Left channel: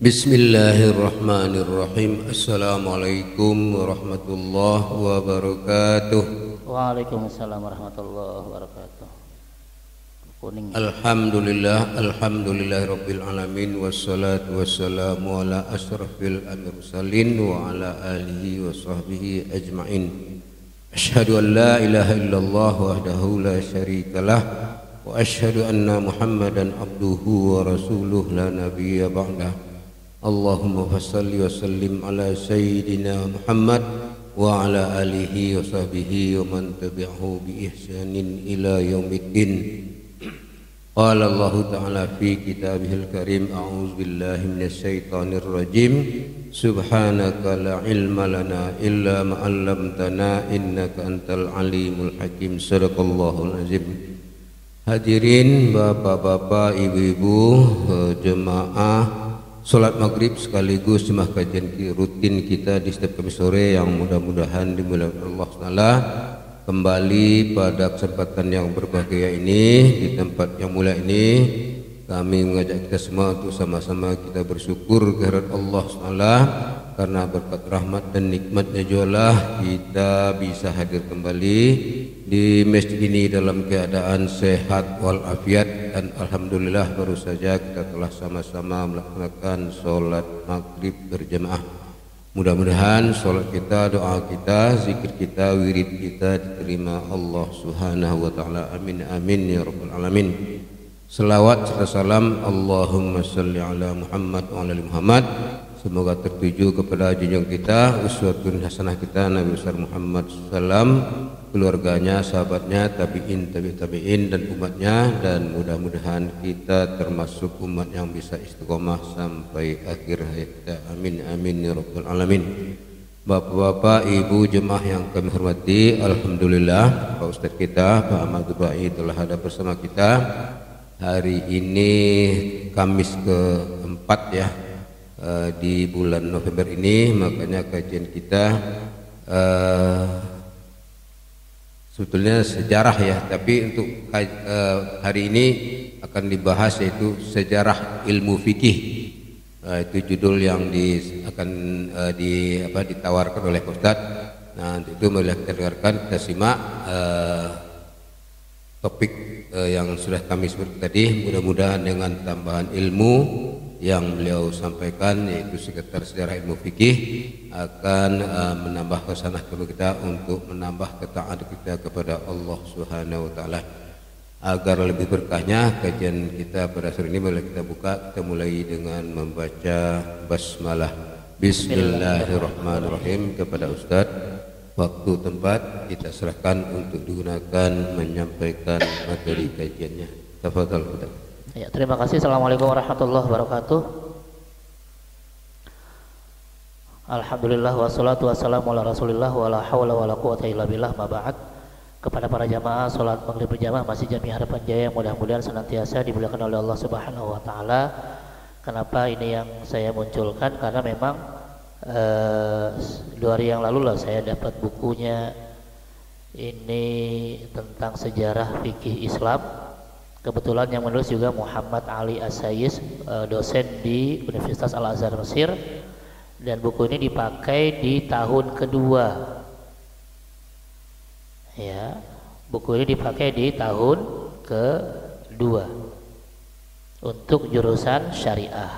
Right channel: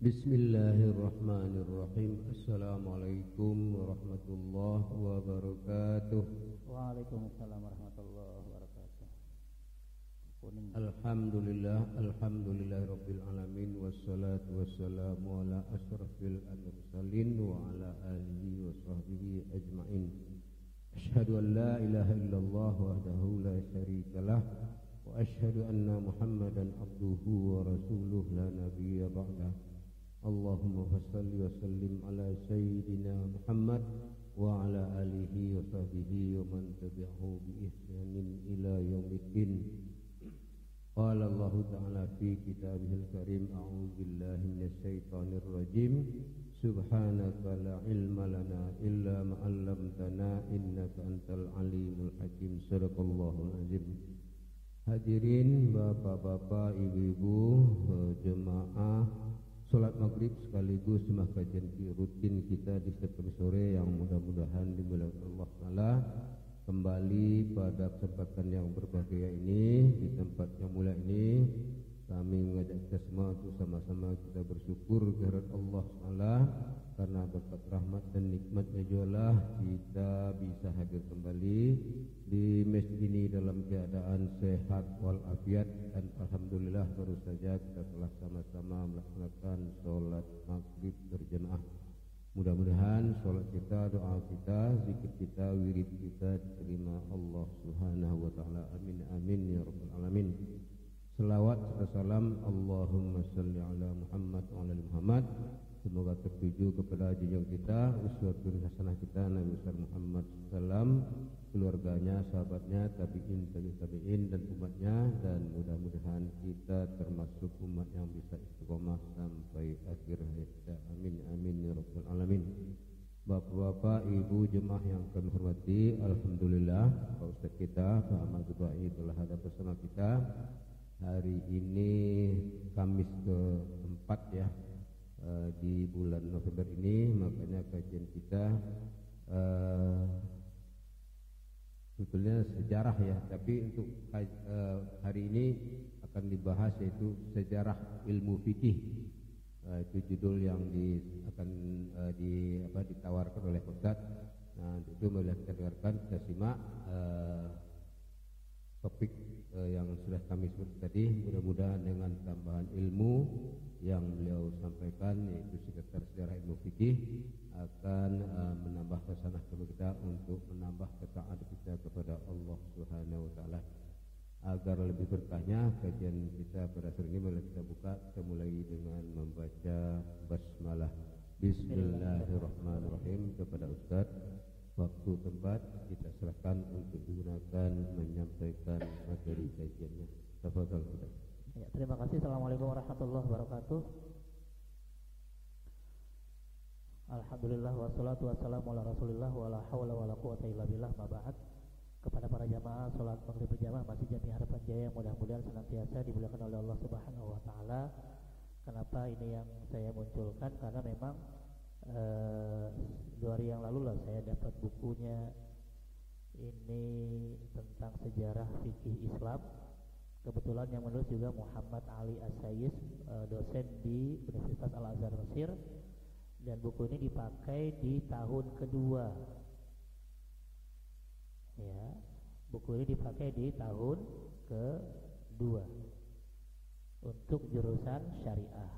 Bismillahirrahmanirrahim. Assalamualaikum warahmatullahi wabarakatuh. Waalaikumsalam warahmatullahi wabarakatuh. Kuning. Alhamdulillahirabbil alamin wassalatu wassalamu ala asyrafil mursalin wa ala alihi wa sahbihi ajmain. Asyhadu an la ilaha illallah wahdahu la syarikalah wa asyhadu anna Muhammadan abduhu wa rasuluh la nabiyya ba'dah. Allahumma fassalli wa sallim ala sayyidina Muhammad wa ala alihi wa sahbihi wa man tabi'ahu bi ihsanin ila yaumiddin. Qala Allah ta'ala fi kitabihil karim, a'udzu billahi minasy syaithanir rajim. Subhanaka la ilma lana illa ma 'allamtana innaka antal alimul hakim. Shadaqallahul azim. Hadirin bapak-bapak, ibu-ibu, jemaah salat maghrib sekaligus jemaah kajian rutin kita di setiap Kamis sore yang mudah-mudahan dimulai Allah Taala. Kembali pada kesempatan yang berbahagia ini, di tempat yang mulia ini, kami mengajak kita semua untuk sama-sama kita bersyukur kehadirat Allah Taala, karena berkat rahmat dan nikmatnya jualah kita bisa hadir kembali di masjid ini dalam keadaan sehat walafiat, dan alhamdulillah baru saja kita telah sama-sama melaksanakan sholat maghrib berjamaah. Mudah-mudahan sholat kita, doa kita, zikir kita, wirid kita diterima Allah Subhanahu wa taala. Amin amin ya rabbal alamin. Selawat serta salam Allahumma shalli ala Muhammad wa ala ali Muhammad, semoga tertuju kepada junjungan kita, uswatun hasanah kita, Nabi besar Muhammad sallam, keluarganya, sahabatnya, tabi'in, tabi'in dan umatnya, dan mudah-mudahan kita termasuk umat yang bisa istiqomah sampai akhir hayat kita. Amin amin ya rabbal alamin. Bapak-bapak, ibu jemaah yang kami hormati, alhamdulillah Pak Ustadz kita, Pak Ahmad Dubai telah ada bersama kita. Hari ini Kamis keempat ya, di bulan November ini, makanya kajian kita sebetulnya sejarah ya, tapi untuk hari ini akan dibahas yaitu sejarah ilmu fikih. Itu judul yang ditawarkan oleh Ustadz. Nah, itu mari kita dengarkan, kita simak topik yang sudah kami sebut tadi. Mudah-mudahan dengan tambahan ilmu yang beliau sampaikan, yaitu sekitar sejarah ilmu fikih, akan menambah kesanah kita untuk menambah ketaatan kita kepada Allah Subhanahu wa taala. Agar lebih berkahnya kajian kita pada sore ini, boleh kita buka, kita mulai dengan membaca basmalah. Bismillahirrahmanirrahim. Kepada Ustadz, waktu tempat kita serahkan untuk digunakan menyampaikan materi kajiannya. Tafadhal Ustaz. Ya, terima kasih. Assalamualaikum warahmatullahi wabarakatuh. Alhamdulillah wassalatu wassalamu ala Rasulillah wa la haula wa la quwata illa billah, ma ba'd. Kepada para jamaah salat maghrib berjamaah Masjid Jami Harapan Jaya, mudah-mudahan senantiasa dimuliakan oleh Allah Subhanahu wa taala. Kenapa ini yang saya munculkan? Karena memang 2 hari yang lalu lah saya dapat bukunya ini tentang sejarah fikih Islam. Kebetulan yang menulis juga Muhammad Ali As-Sayis, dosen di Universitas Al-Azhar Mesir, dan buku ini dipakai di tahun kedua. Ya, buku ini dipakai di tahun kedua untuk jurusan syariah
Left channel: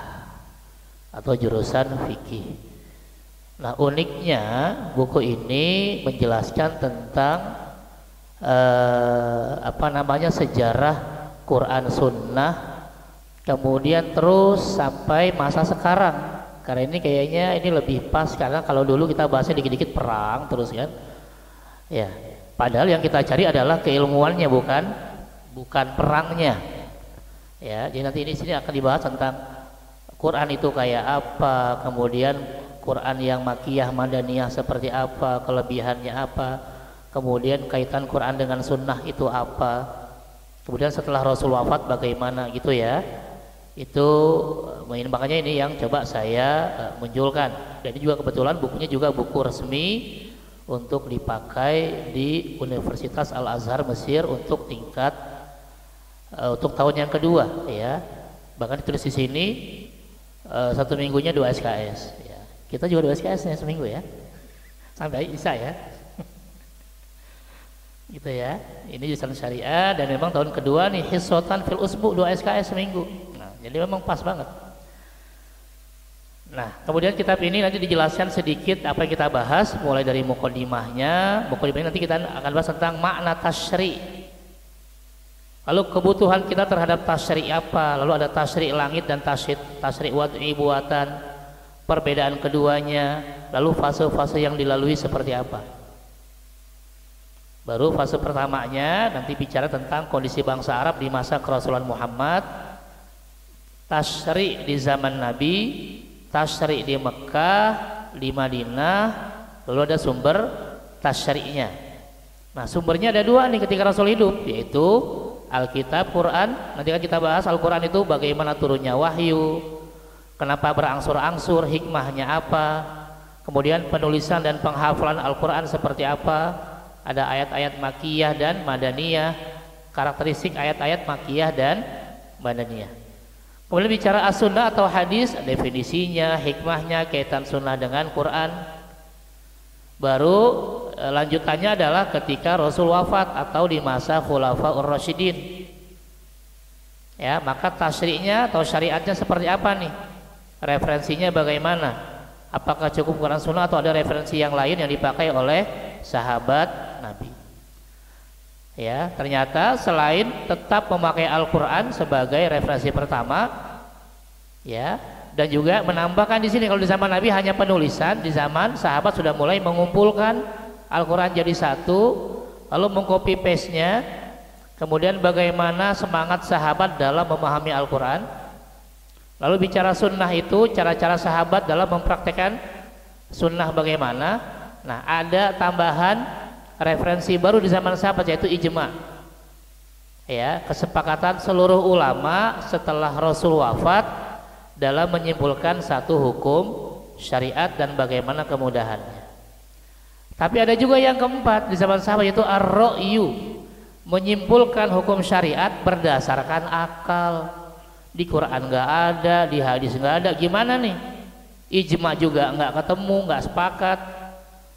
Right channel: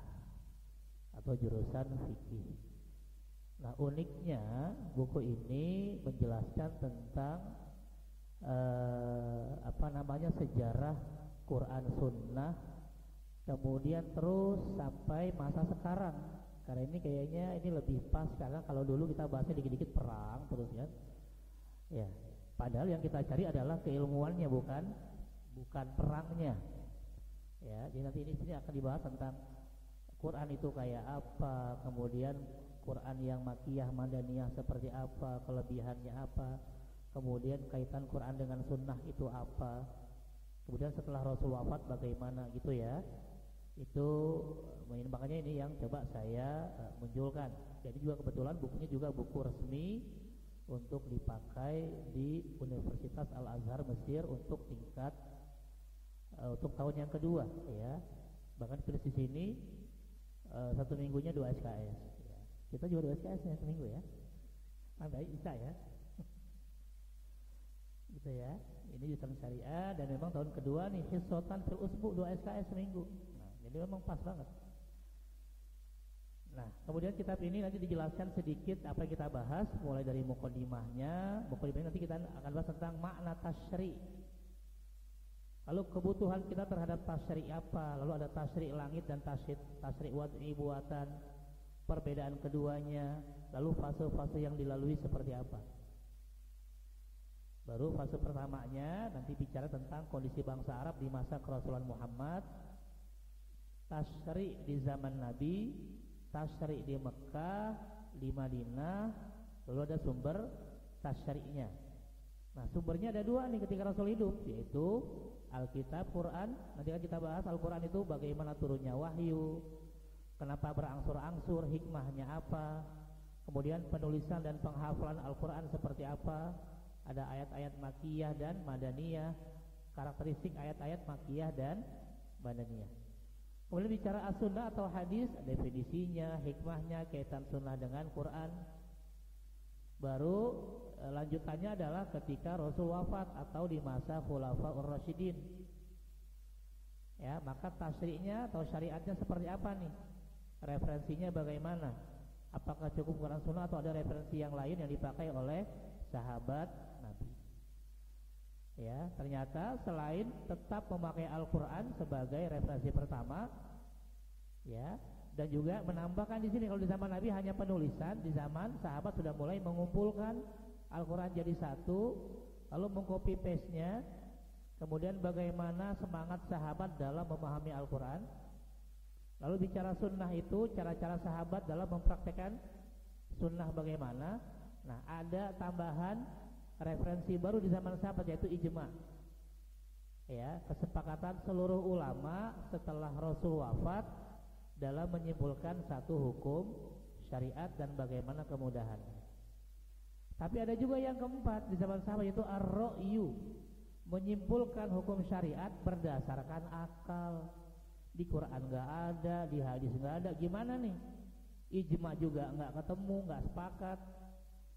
atau jurusan fikih. Nah, uniknya buku ini menjelaskan tentang sejarah Quran Sunnah, kemudian terus sampai masa sekarang. Karena ini kayaknya ini lebih pas, karena kalau dulu kita bahasnya dikit-dikit perang terus kan. Ya, padahal yang kita cari adalah keilmuannya, bukan perangnya. Ya, jadi nanti di sini akan dibahas tentang Quran itu kayak apa, kemudian Quran yang makiyah, madaniyah seperti apa, kelebihannya apa, kemudian kaitan Quran dengan sunnah itu apa, kemudian setelah Rasul wafat bagaimana gitu ya. Itu makanya ini yang coba saya munculkan. Dan ini juga kebetulan bukunya juga buku resmi untuk dipakai di Universitas Al-Azhar Mesir untuk tingkat untuk tahun yang kedua ya. Bahkan ditulis di sini satu minggunya 2 SKS ya. Kita juga 2 SKS nya seminggu ya, sampai Isya ya. Gitu ya. Ini jurusan syariah dan memang tahun kedua nih hissotan fil usbu 2 SKS seminggu. Nah, jadi memang pas banget. Nah, kemudian kitab ini nanti dijelaskan sedikit apa yang kita bahas mulai dari muqaddimahnya. Muqaddimahnya nanti kita akan bahas tentang makna tasyri'. Lalu kebutuhan kita terhadap tasyri' apa? Lalu ada tasyri' langit dan tasyri' wad'i buatan. Perbedaan keduanya, lalu fase-fase yang dilalui seperti apa? Baru fase pertamanya nanti bicara tentang kondisi bangsa Arab di masa kerasulan Muhammad, tasyri' di zaman Nabi, tasyri' di Mekah, di Madinah, lalu ada sumber tasyri'nya. Nah, sumbernya ada 2 nih ketika Rasul hidup, yaitu Alkitab, Quran. Nanti kan kita bahas Al-Quran itu bagaimana turunnya wahyu, kenapa berangsur-angsur, hikmahnya apa, kemudian penulisan dan penghafalan Al-Quran seperti apa. Ada ayat-ayat makiyah dan madaniyah, karakteristik ayat-ayat makiyah dan madaniyah. Kemudian bicara as-sunnah atau hadis, definisinya, hikmahnya, kaitan sunnah dengan Quran. Baru lanjutannya adalah ketika Rasul wafat atau di masa Khulafaur Rasyidin. Ya, maka tasyri'nya atau syariatnya seperti apa nih? Referensinya bagaimana? Apakah cukup Quran sunnah atau ada referensi yang lain yang dipakai oleh sahabat Nabi? Ya, ternyata selain tetap memakai Al-Quran sebagai referensi pertama, ya, dan juga menambahkan di sini kalau di zaman Nabi hanya penulisan, di zaman sahabat sudah mulai mengumpulkan Al-Quran jadi satu, lalu mengcopy paste-nya. Kemudian bagaimana semangat sahabat dalam memahami Al-Quran. Lalu bicara sunnah itu, cara-cara sahabat dalam mempraktekkan sunnah bagaimana. Nah, ada tambahan referensi baru di zaman sahabat yaitu ijma. Ya, kesepakatan seluruh ulama setelah Rasul wafat dalam menyimpulkan satu hukum syariat dan bagaimana kemudahannya. Tapi ada juga yang keempat di zaman sahabat yaitu ar-ra'yu, menyimpulkan hukum syariat berdasarkan akal. Di Quran nggak ada, di hadis nggak ada, gimana nih? Ijma juga nggak ketemu, nggak sepakat.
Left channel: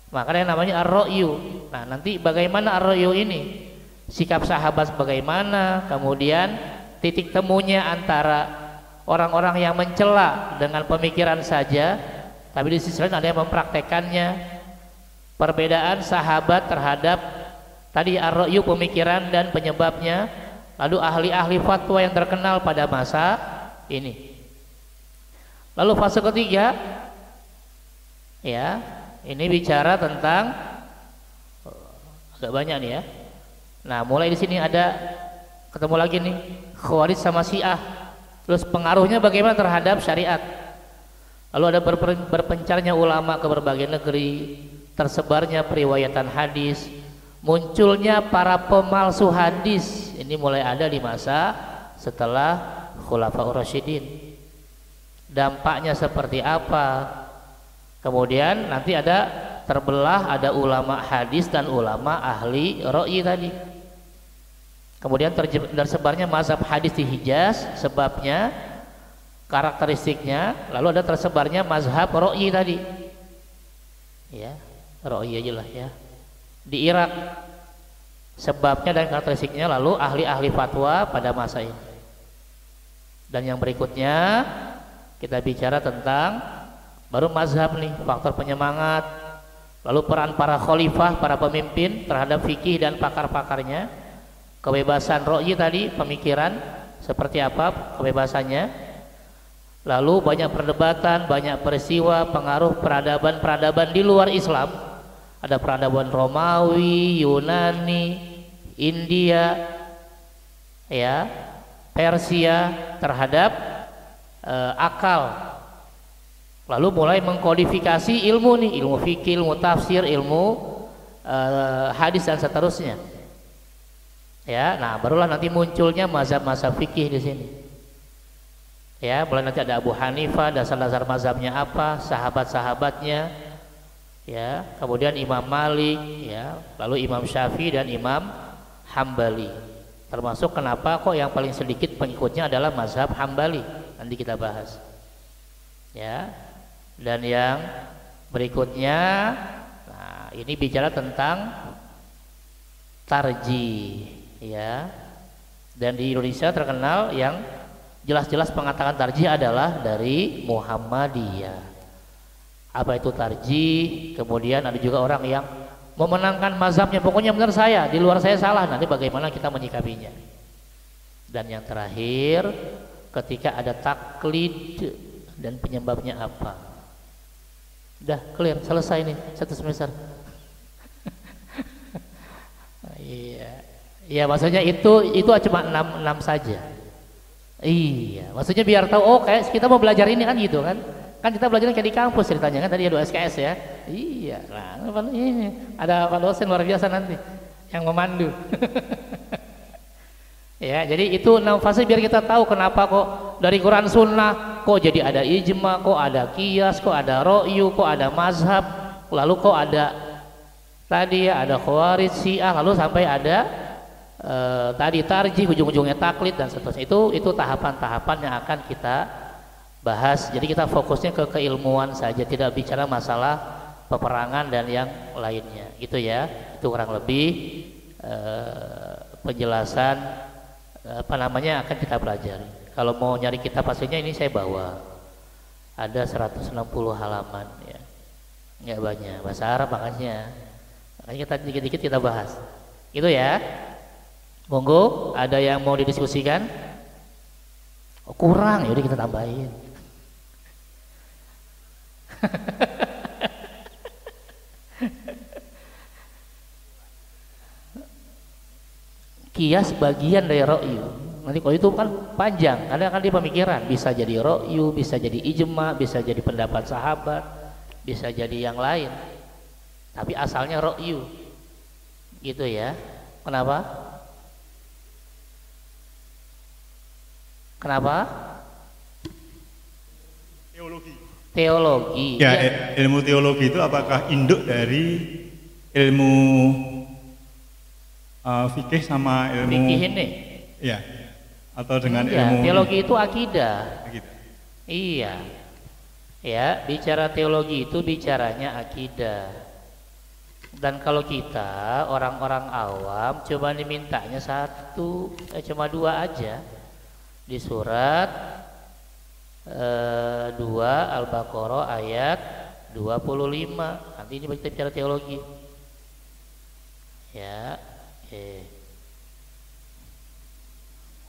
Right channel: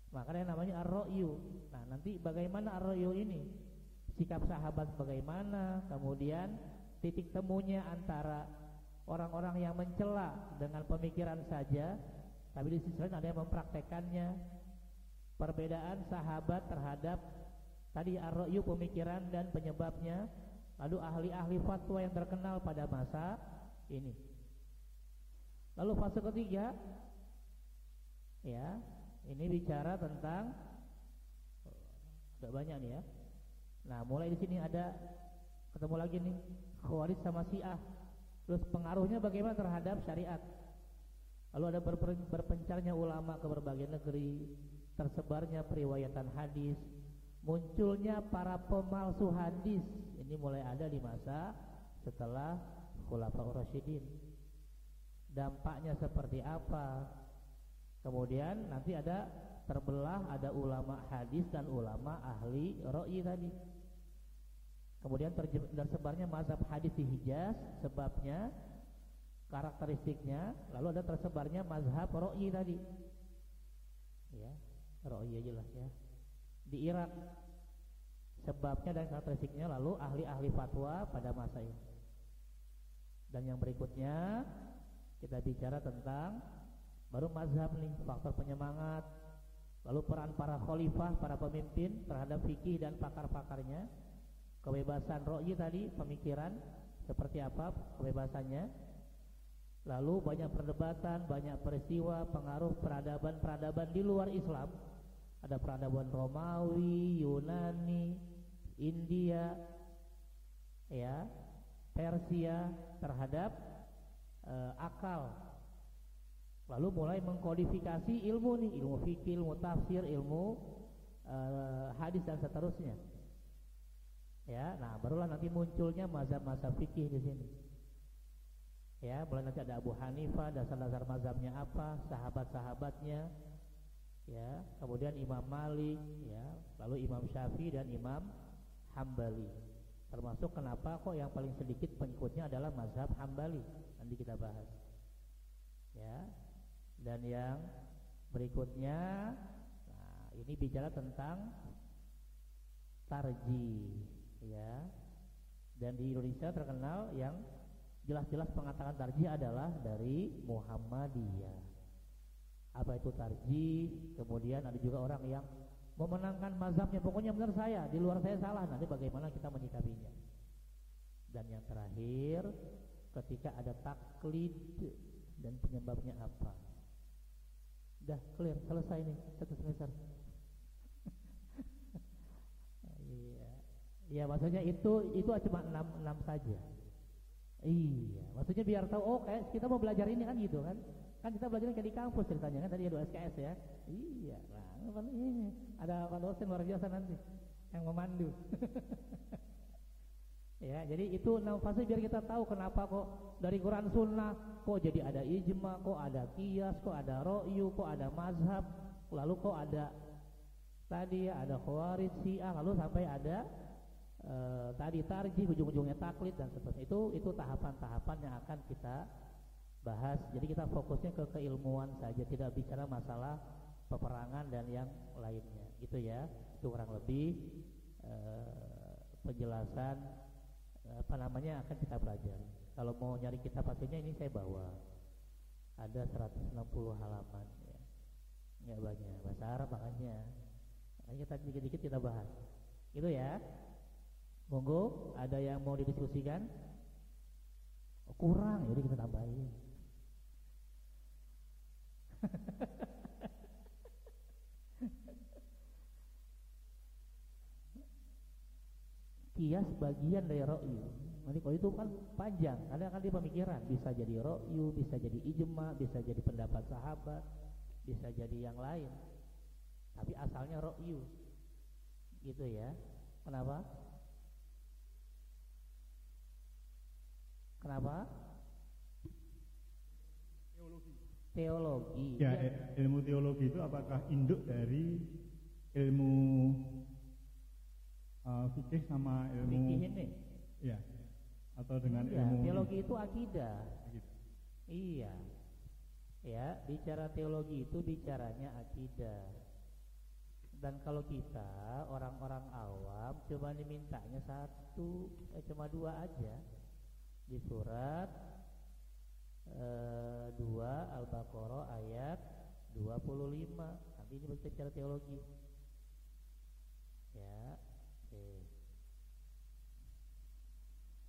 Makanya namanya ar-ra'yu. Nah, nanti bagaimana ar-ra'yu ini? Sikap sahabat bagaimana? Kemudian titik temunya antara orang-orang yang mencela dengan pemikiran saja, tapi di sisi lain ada yang mempraktekannya. Perbedaan sahabat terhadap tadi ar-ra'yu pemikiran dan penyebabnya, lalu ahli-ahli fatwa yang terkenal pada masa ini. Lalu fase ketiga, ya, ini bicara tentang agak banyak nih ya. Nah, mulai di sini ada ketemu lagi nih Khawarij sama Syiah. Terus pengaruhnya bagaimana terhadap syariat. Lalu ada berpencarnya ulama ke berbagai negeri, tersebarnya periwayatan hadis, munculnya para pemalsu hadis. Ini mulai ada di masa setelah Khulafaur Rasyidin. Dampaknya seperti apa? Kemudian nanti ada terbelah, ada ulama hadis dan ulama ahli ra'yi tadi. Kemudian tersebarnya mazhab hadis di Hijaz, sebabnya, karakteristiknya. Lalu ada tersebarnya mazhab ra'yi tadi. Ya, ra'yi aja lah ya. Di Irak, sebabnya dan karakteristiknya, lalu ahli-ahli fatwa pada masa ini. Dan yang berikutnya kita bicara tentang baru mazhab nih, faktor penyemangat, lalu peran para khalifah, para pemimpin terhadap fikih dan pakar-pakarnya, kebebasan ra'yi tadi, pemikiran seperti apa kebebasannya, lalu banyak perdebatan, banyak peristiwa, pengaruh peradaban-peradaban di luar Islam. Ada peradaban Romawi, Yunani, India, ya, Persia terhadap akal. Lalu mulai mengkodifikasi ilmu nih, ilmu fikih, ilmu tafsir, ilmu hadis dan seterusnya. Ya, nah barulah nanti munculnya mazhab-mazhab fikih di sini. Ya, mulai nanti ada Abu Hanifah, dasar-dasar mazhabnya apa, sahabat-sahabatnya. Ya, kemudian Imam Malik, ya, lalu Imam Syafi'i dan Imam Hambali. Termasuk kenapa kok yang paling sedikit pengikutnya adalah mazhab Hambali. Nanti kita bahas. ya. Dan yang berikutnya, nah ini bicara tentang tarjih, ya. Dan di Indonesia terkenal yang jelas-jelas mengatakan tarjih adalah dari Muhammadiyah. Apa itu tarjih? Kemudian ada juga orang yang memenangkan mazhabnya, pokoknya benar saya, di luar saya salah. Nanti bagaimana kita menyikapinya? Dan yang terakhir, ketika ada taklid dan penyebabnya apa? Udah clear, selesai nih satu semester. Iya, ya maksudnya itu cuma 6 saja. Iya, maksudnya biar tahu, oh kayak kita mau belajar ini kan gitu kan. Kan kita belajar kayak di kampus ceritanya kan, tadi ada SKS ya. Iya, nah ini ada Pak dosen luar biasa nanti yang memandu. Ya, jadi itu 6 fase biar kita tahu kenapa kok dari Quran Sunnah kok jadi ada ijma, kok ada qiyas, kok ada ro'yu, kok ada mazhab, lalu kok ada tadi ya ada khawarij, syiah, lalu sampai ada tadi tarjih, ujung-ujungnya taklid dan seterusnya. Itu tahapan-tahapan yang akan kita bahas. Jadi kita fokusnya ke keilmuan saja, tidak bicara masalah peperangan dan yang lainnya. Gitu ya. Itu kurang lebih penjelasan akan kita pelajari. Kalau mau nyari kitab pastinya ini saya bawa. Ada 160 halaman ya. Enggak banyak, bahasa Arab makanya kita dikit-dikit kita bahas. Gitu ya. Monggo, ada yang mau didiskusikan? Oh, kurang, yaudah kita tambahin. Qiyas bagian dari ro'yu. Nanti kalau itu kan panjang, kadang kan dia pemikiran, bisa jadi ro'yu, bisa jadi ijma, bisa jadi pendapat sahabat, bisa jadi yang lain. Tapi asalnya ro'yu. Gitu ya. Kenapa? Kenapa? Teologi. Ya, ilmu teologi itu apakah induk dari ilmu fikih sama ilmu fikih ini? Ya. Atau dengan ya, ilmu teologi itu akidah. Akidah. Iya. Ya, bicara teologi itu bicaranya akidah. Dan kalau kita orang-orang awam cuma dimintanya cuma 2 aja. Di surat 2 Al-Baqarah ayat 25. Nanti ini kita bicara teologi. Ya,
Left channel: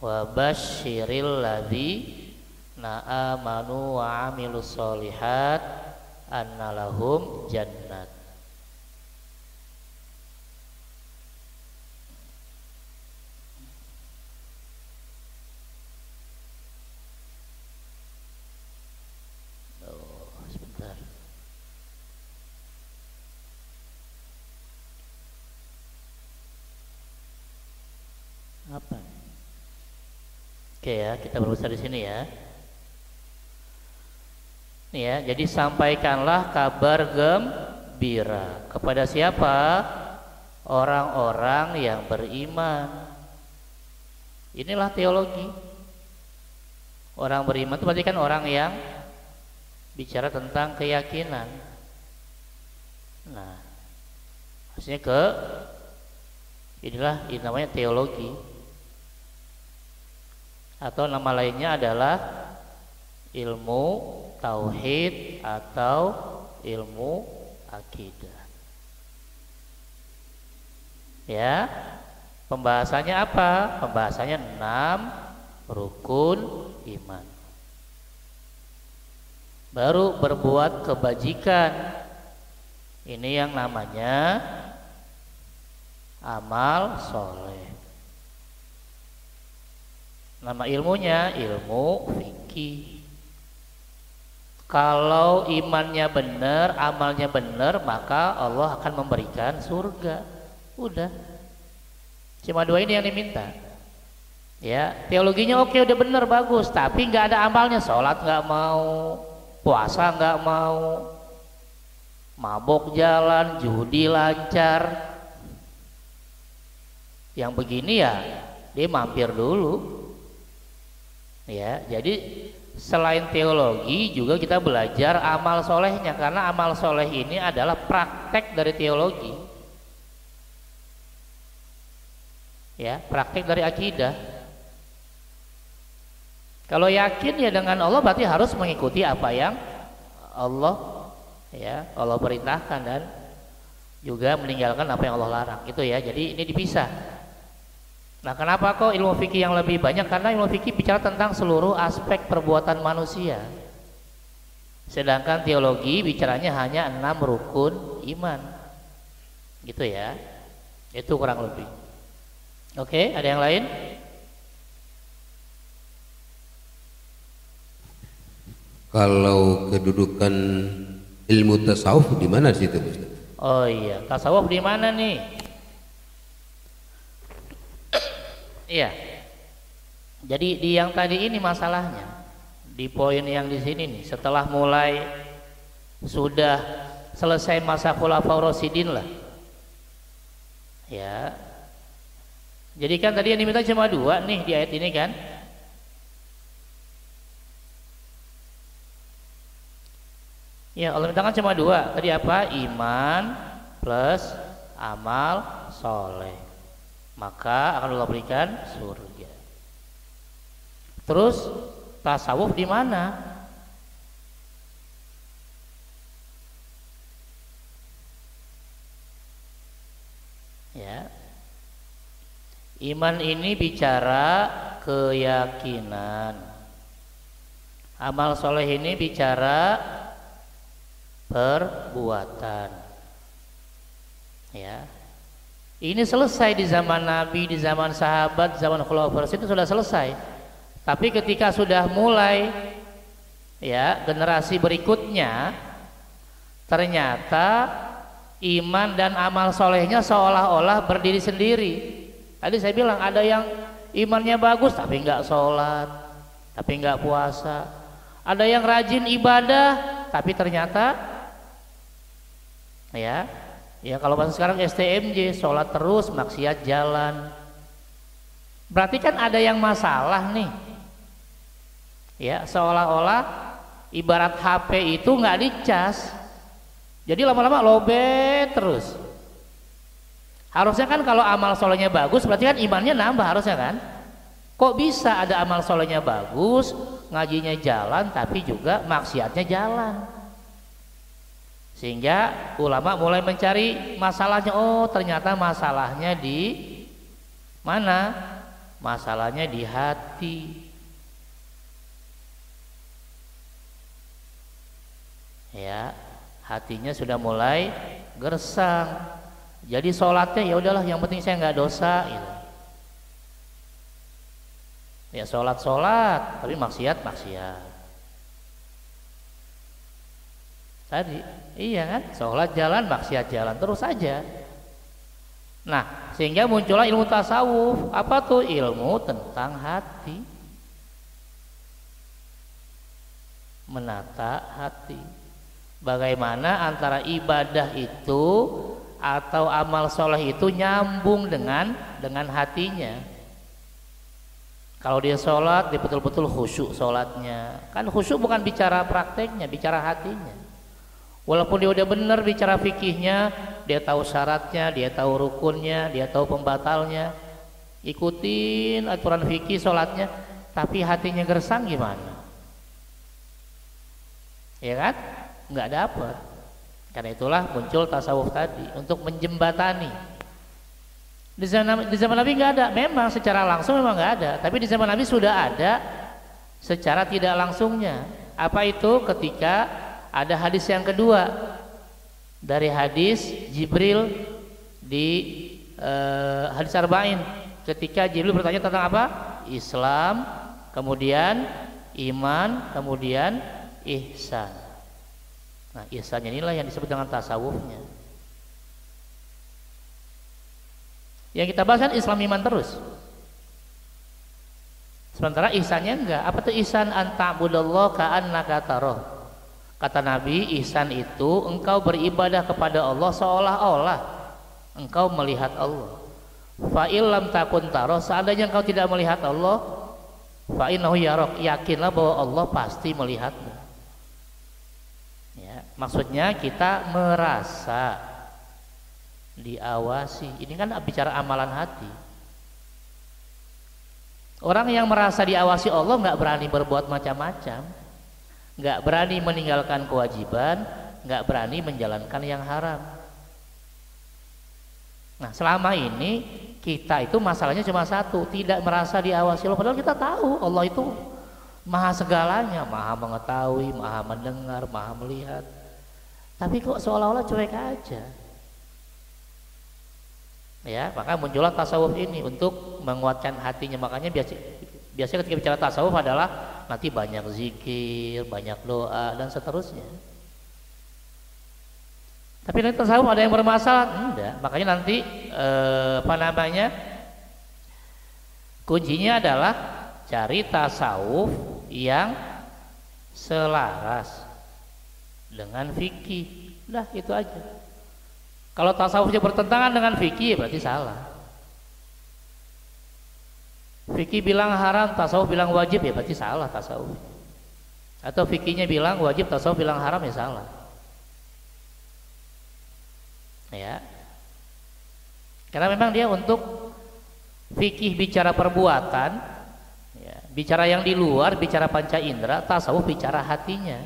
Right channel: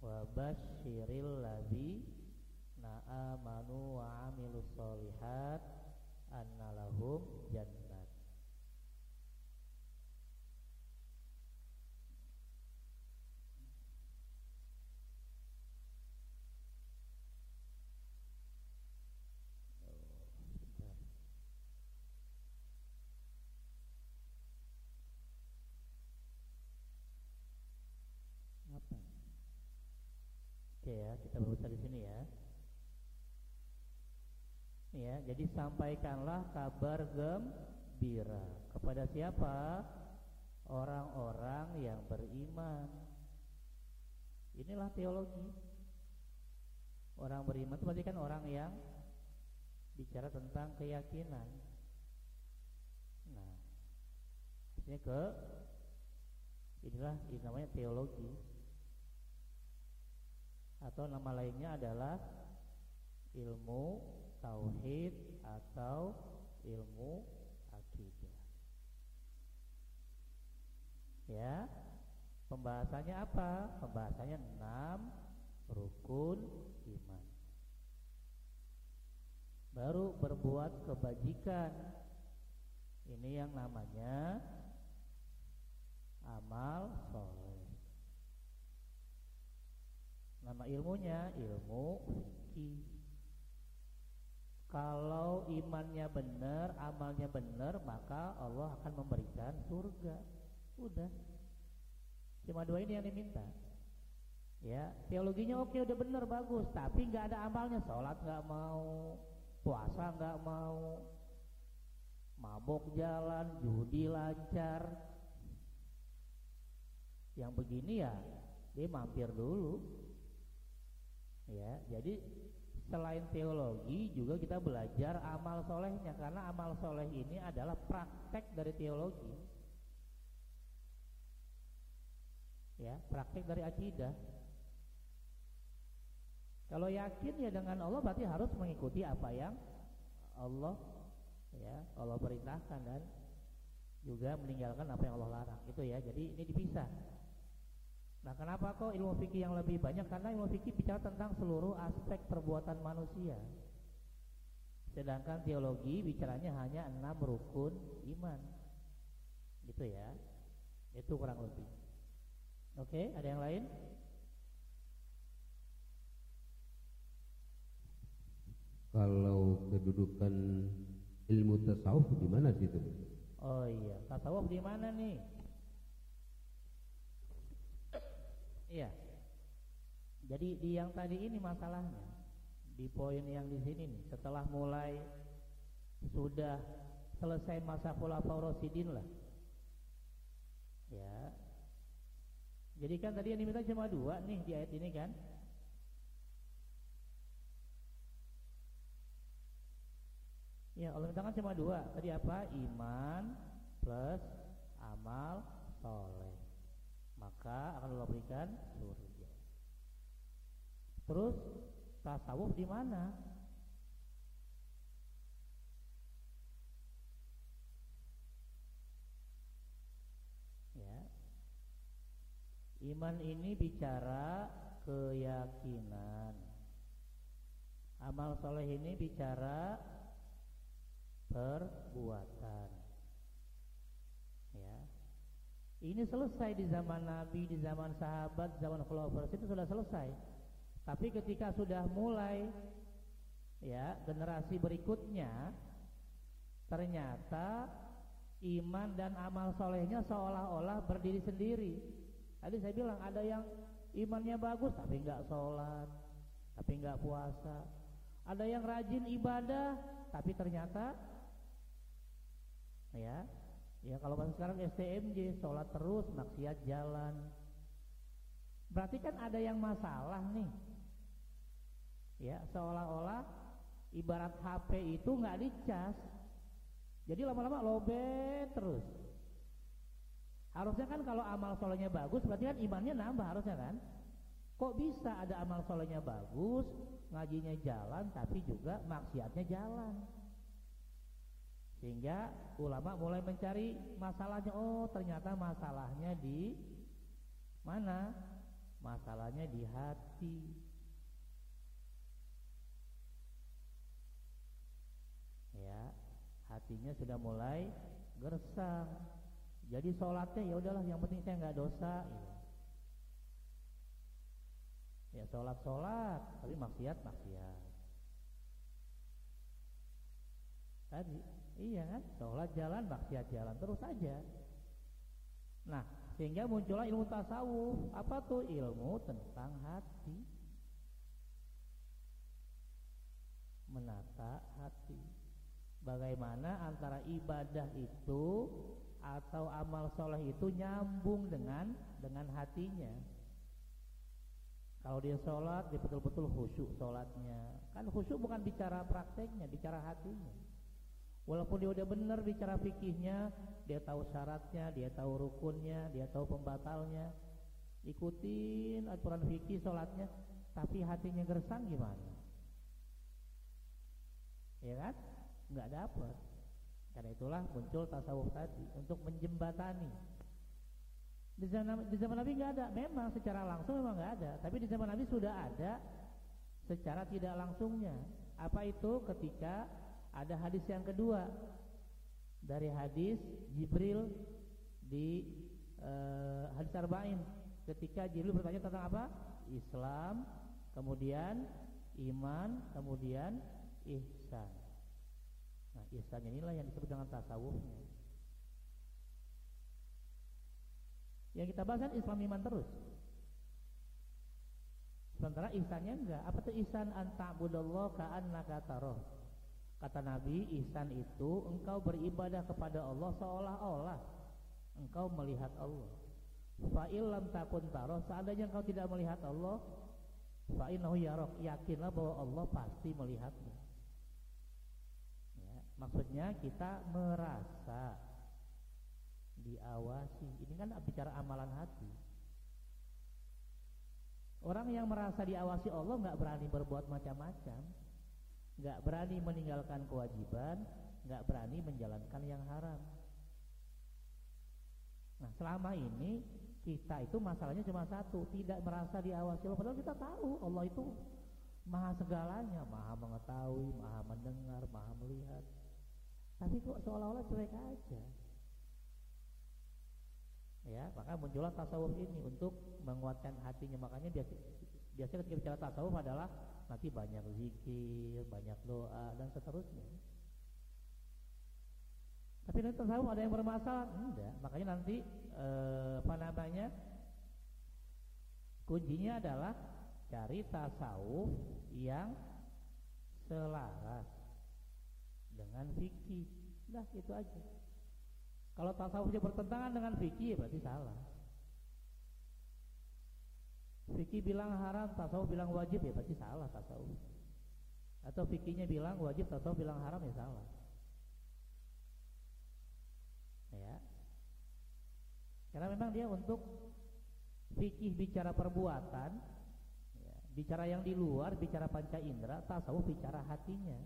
wa basyiril ladzina amanu wa amilus solihat anna lahum jannat. Apa? Oke ya, kita berusaha di sini ya. Nih ya, jadi sampaikanlah kabar gembira kepada siapa? Orang-orang yang beriman. Inilah teologi. Orang beriman itu berarti kan orang yang bicara tentang keyakinan. Nah, maksudnya inilah ini namanya teologi. Atau nama lainnya adalah ilmu tauhid atau ilmu akidah. Ya, pembahasannya apa? Pembahasannya 6 rukun iman. Baru berbuat kebajikan. Ini yang namanya amal soleh. Nama ilmunya ilmu fikih. Kalau imannya benar, amalnya benar, maka Allah akan memberikan surga. Udah. Cuma 2 ini yang diminta. Ya, teologinya oke, udah benar, bagus, tapi nggak ada amalnya. Sholat nggak mau, puasa nggak mau, mabok jalan, judi lancar. Yang begini ya dia mampir dulu. Ya, jadi selain teologi juga kita belajar amal solehnya, karena amal soleh ini adalah praktek dari teologi, ya, praktek dari akidah. Kalau yakin ya dengan Allah berarti harus mengikuti apa yang Allah, ya, Allah perintahkan dan juga meninggalkan apa yang Allah larang. Itu ya. Jadi ini dipisah. Nah, kenapa kok ilmu fikih yang lebih banyak? Karena ilmu fikih bicara tentang seluruh aspek perbuatan manusia. Sedangkan teologi bicaranya hanya 6 rukun iman. Gitu ya. Itu kurang lebih. Oke, ada yang lain? Kalau kedudukan ilmu tasawuf di mana situ, Ustaz? Oh iya, tasawuf di mana nih? Iya. Jadi di yang tadi ini masalahnya. Di poin yang di sini nih, setelah mulai sudah selesai masa Khulafaur Rasyidin lah. Ya. Jadi kan tadi yang diminta cuma 2 nih di ayat ini kan? Ya, Allah minta kan cuma 2. Tadi apa? Iman plus amal soleh. Maka akan Allah berikan surga. Terus tasawuf di mana? Ya. Iman ini bicara keyakinan. Amal soleh ini bicara perbuatan. Ya. Ini selesai di zaman Nabi, di zaman sahabat, zaman Khulafaur itu sudah selesai. Tapi ketika sudah mulai ya generasi berikutnya, ternyata iman dan amal solehnya seolah-olah berdiri sendiri. Tadi saya bilang ada yang imannya bagus tapi nggak sholat, tapi nggak puasa. Ada yang rajin ibadah tapi ternyata ya kalau bahasa sekarang STMJ, sholat terus maksiat jalan. Berarti kan ada yang masalah nih. Ya, seolah-olah ibarat HP itu nggak dicas. Jadi lama-lama lobet terus. Harusnya kan kalau amal solehnya bagus berarti kan imannya nambah harusnya kan. Kok bisa ada amal solehnya bagus, ngajinya jalan tapi juga maksiatnya jalan? Sehingga ulama mulai mencari masalahnya. Oh, ternyata masalahnya di mana? Masalahnya di hati. Ya, hatinya sudah mulai gersang. Jadi sholatnya ya udahlah, yang penting saya nggak dosa gitu. Ya sholat tapi maksiat. Tadi iya kan, sholat jalan, maksiat jalan, terus saja. Nah, sehingga muncullah ilmu tasawuf. Apa tuh? Ilmu tentang hati, menata hati. Bagaimana antara ibadah itu atau amal soleh itu nyambung dengan hatinya. Kalau dia sholat, dia betul-betul khusyuk sholatnya. Kan khusyuk bukan bicara prakteknya, bicara hatinya. Walaupun dia udah benar bicara fikihnya, dia tahu syaratnya, dia tahu rukunnya, dia tahu pembatalnya, ikutin aturan fikih sholatnya, tapi hatinya gersang gimana? Ya kan? Nggak dapat. Karena itulah muncul tasawuf tadi untuk menjembatani. Di zaman Nabi nggak ada, memang secara langsung memang nggak ada, tapi di zaman Nabi sudah ada secara tidak langsungnya. Apa itu? Ketika ada hadis yang kedua dari hadis Jibril di hadis Arba'in, ketika Jibril bertanya tentang apa? Islam, kemudian iman, kemudian ihsan. Nah, ihsan inilah yang disebut dengan tasawufnya. Yang kita bahas kan Islam iman terus. Sementara ihsannya enggak. Apa tuh ihsan? Anta'budallaha ka'annaka tarah. Kata Nabi, ihsan itu engkau beribadah kepada Allah seolah-olah engkau melihat Allah. Fa illam takun tarah, seandainya engkau tidak melihat Allah, Fa innahu yarok, yakinlah bahwa Allah pasti melihatmu. Ya, maksudnya kita merasa diawasi. Ini kan bicara amalan hati. Orang yang merasa diawasi Allah nggak berani berbuat macam-macam, nggak berani meninggalkan kewajiban, nggak berani menjalankan yang haram. Nah, selama ini kita itu masalahnya cuma satu, tidak merasa diawasi Allah. Padahal kita tahu Allah itu maha segalanya, maha mengetahui, maha mendengar, maha melihat. Tapi kok seolah-olah cuek aja. Ya, maka muncullah tasawuf ini untuk menguatkan hatinya. Makanya biasanya ketika bicara tasawuf adalah nanti banyak zikir, banyak doa dan seterusnya. Tapi nanti tasawuf ada yang bermasalah? Enggak. Makanya nanti kuncinya adalah cari tasawuf yang selaras dengan fikih. Udah, itu aja. Kalau tasawufnya bertentangan dengan fikih berarti salah. Fikih bilang haram, tasawuf bilang wajib, ya berarti salah tasawuf. Atau fikihnya bilang wajib, tasawuf bilang haram, ya salah. Ya. Karena memang dia untuk fikih bicara perbuatan, ya, bicara yang di luar, bicara panca indera, tasawuf bicara hatinya.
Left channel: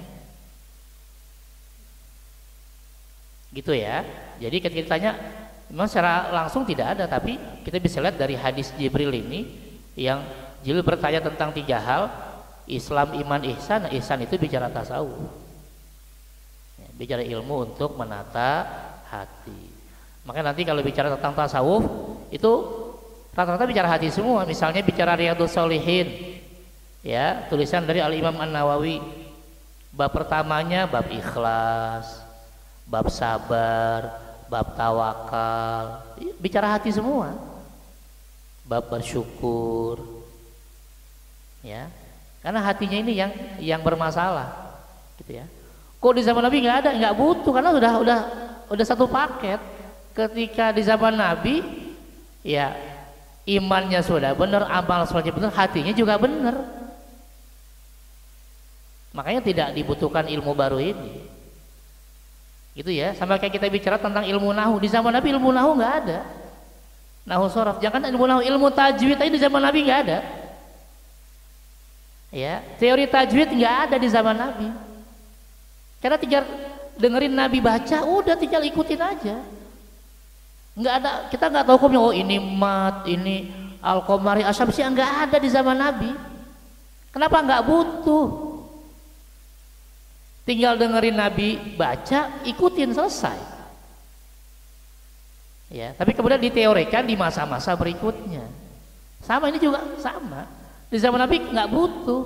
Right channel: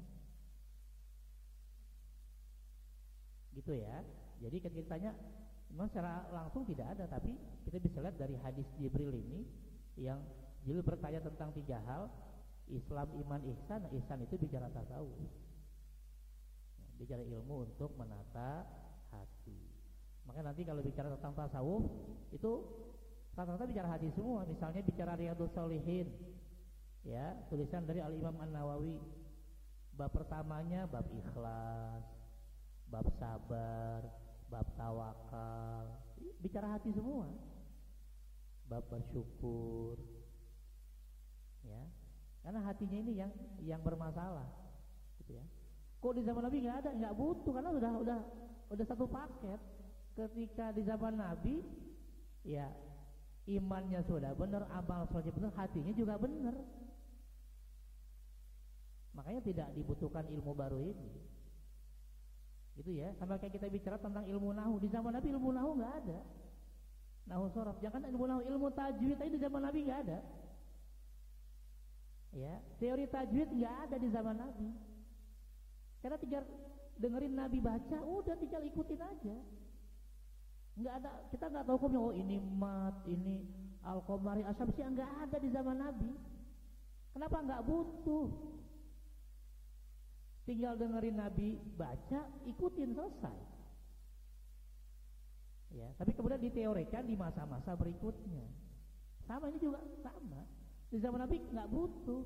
Gitu ya. Jadi ketika ditanya, memang secara langsung tidak ada, tapi kita bisa lihat dari hadis Jibril ini, yang Jibril bertanya tentang 3 hal, Islam, iman, ihsan. Nah, ihsan itu bicara tasawuf, ya, bicara ilmu untuk menata hati. Makanya nanti kalau bicara tentang tasawuf itu rata-rata bicara hati semua. Misalnya bicara Riyadhus Shalihin, ya, tulisan dari Al-Imam An-Nawawi, bab pertamanya bab ikhlas, bab sabar, bab tawakal, bicara hati semua. Bab bersyukur, ya, karena hatinya ini yang bermasalah, gitu ya. Kok di zaman Nabi nggak ada, nggak butuh, karena udah satu paket. Ketika di zaman Nabi, ya, imannya sudah benar, amal sholatnya benar, hatinya juga benar. Makanya tidak dibutuhkan ilmu baru ini. Gitu ya, sama kayak kita bicara tentang ilmu nahu. Di zaman Nabi ilmu nahu nggak ada. Nahu sorof, jangan ilmu nahu, ilmu tajwid aja di zaman Nabi nggak ada. Ya, teori tajwid nggak ada di zaman Nabi. Karena tinggal dengerin Nabi baca, udah tinggal ikutin aja. Nggak ada, kita nggak tahu hukumnya. Oh ini mat, ini al-qamari asyamsi, nggak ada di zaman Nabi. Kenapa? Nggak butuh. Tinggal dengerin Nabi baca, ikutin, selesai. Ya, tapi kemudian diteorikan di masa-masa berikutnya. Sama ini juga sama. Di zaman Nabi nggak butuh.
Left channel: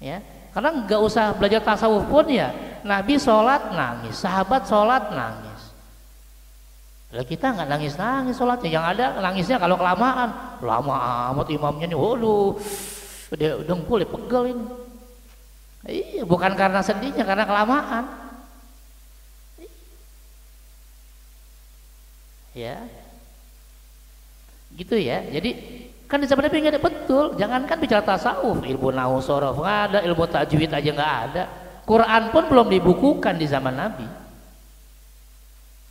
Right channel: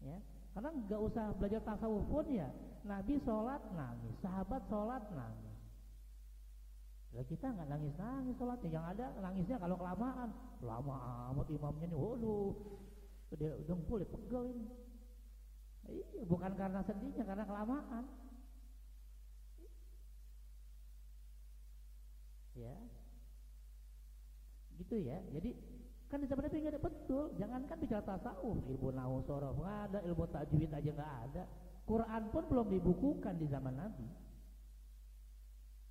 Ya, karena nggak usah belajar tasawuf pun ya. Nabi sholat nangis, sahabat sholat nangis. Lah kita nggak nangis-nangis sholatnya. Yang ada nangisnya kalau kelamaan. Lama amat imamnya nih, waduh, udah dengkul pegel ini. Iya, bukan karena sedihnya, karena kelamaan. Ya, gitu ya. Jadi kan di zaman Nabi nggak ada, betul. Jangankan bicara tasawuf, ilmu nahu sorof nggak ada, ilmu tajwid aja nggak ada. Quran pun belum dibukukan di zaman Nabi,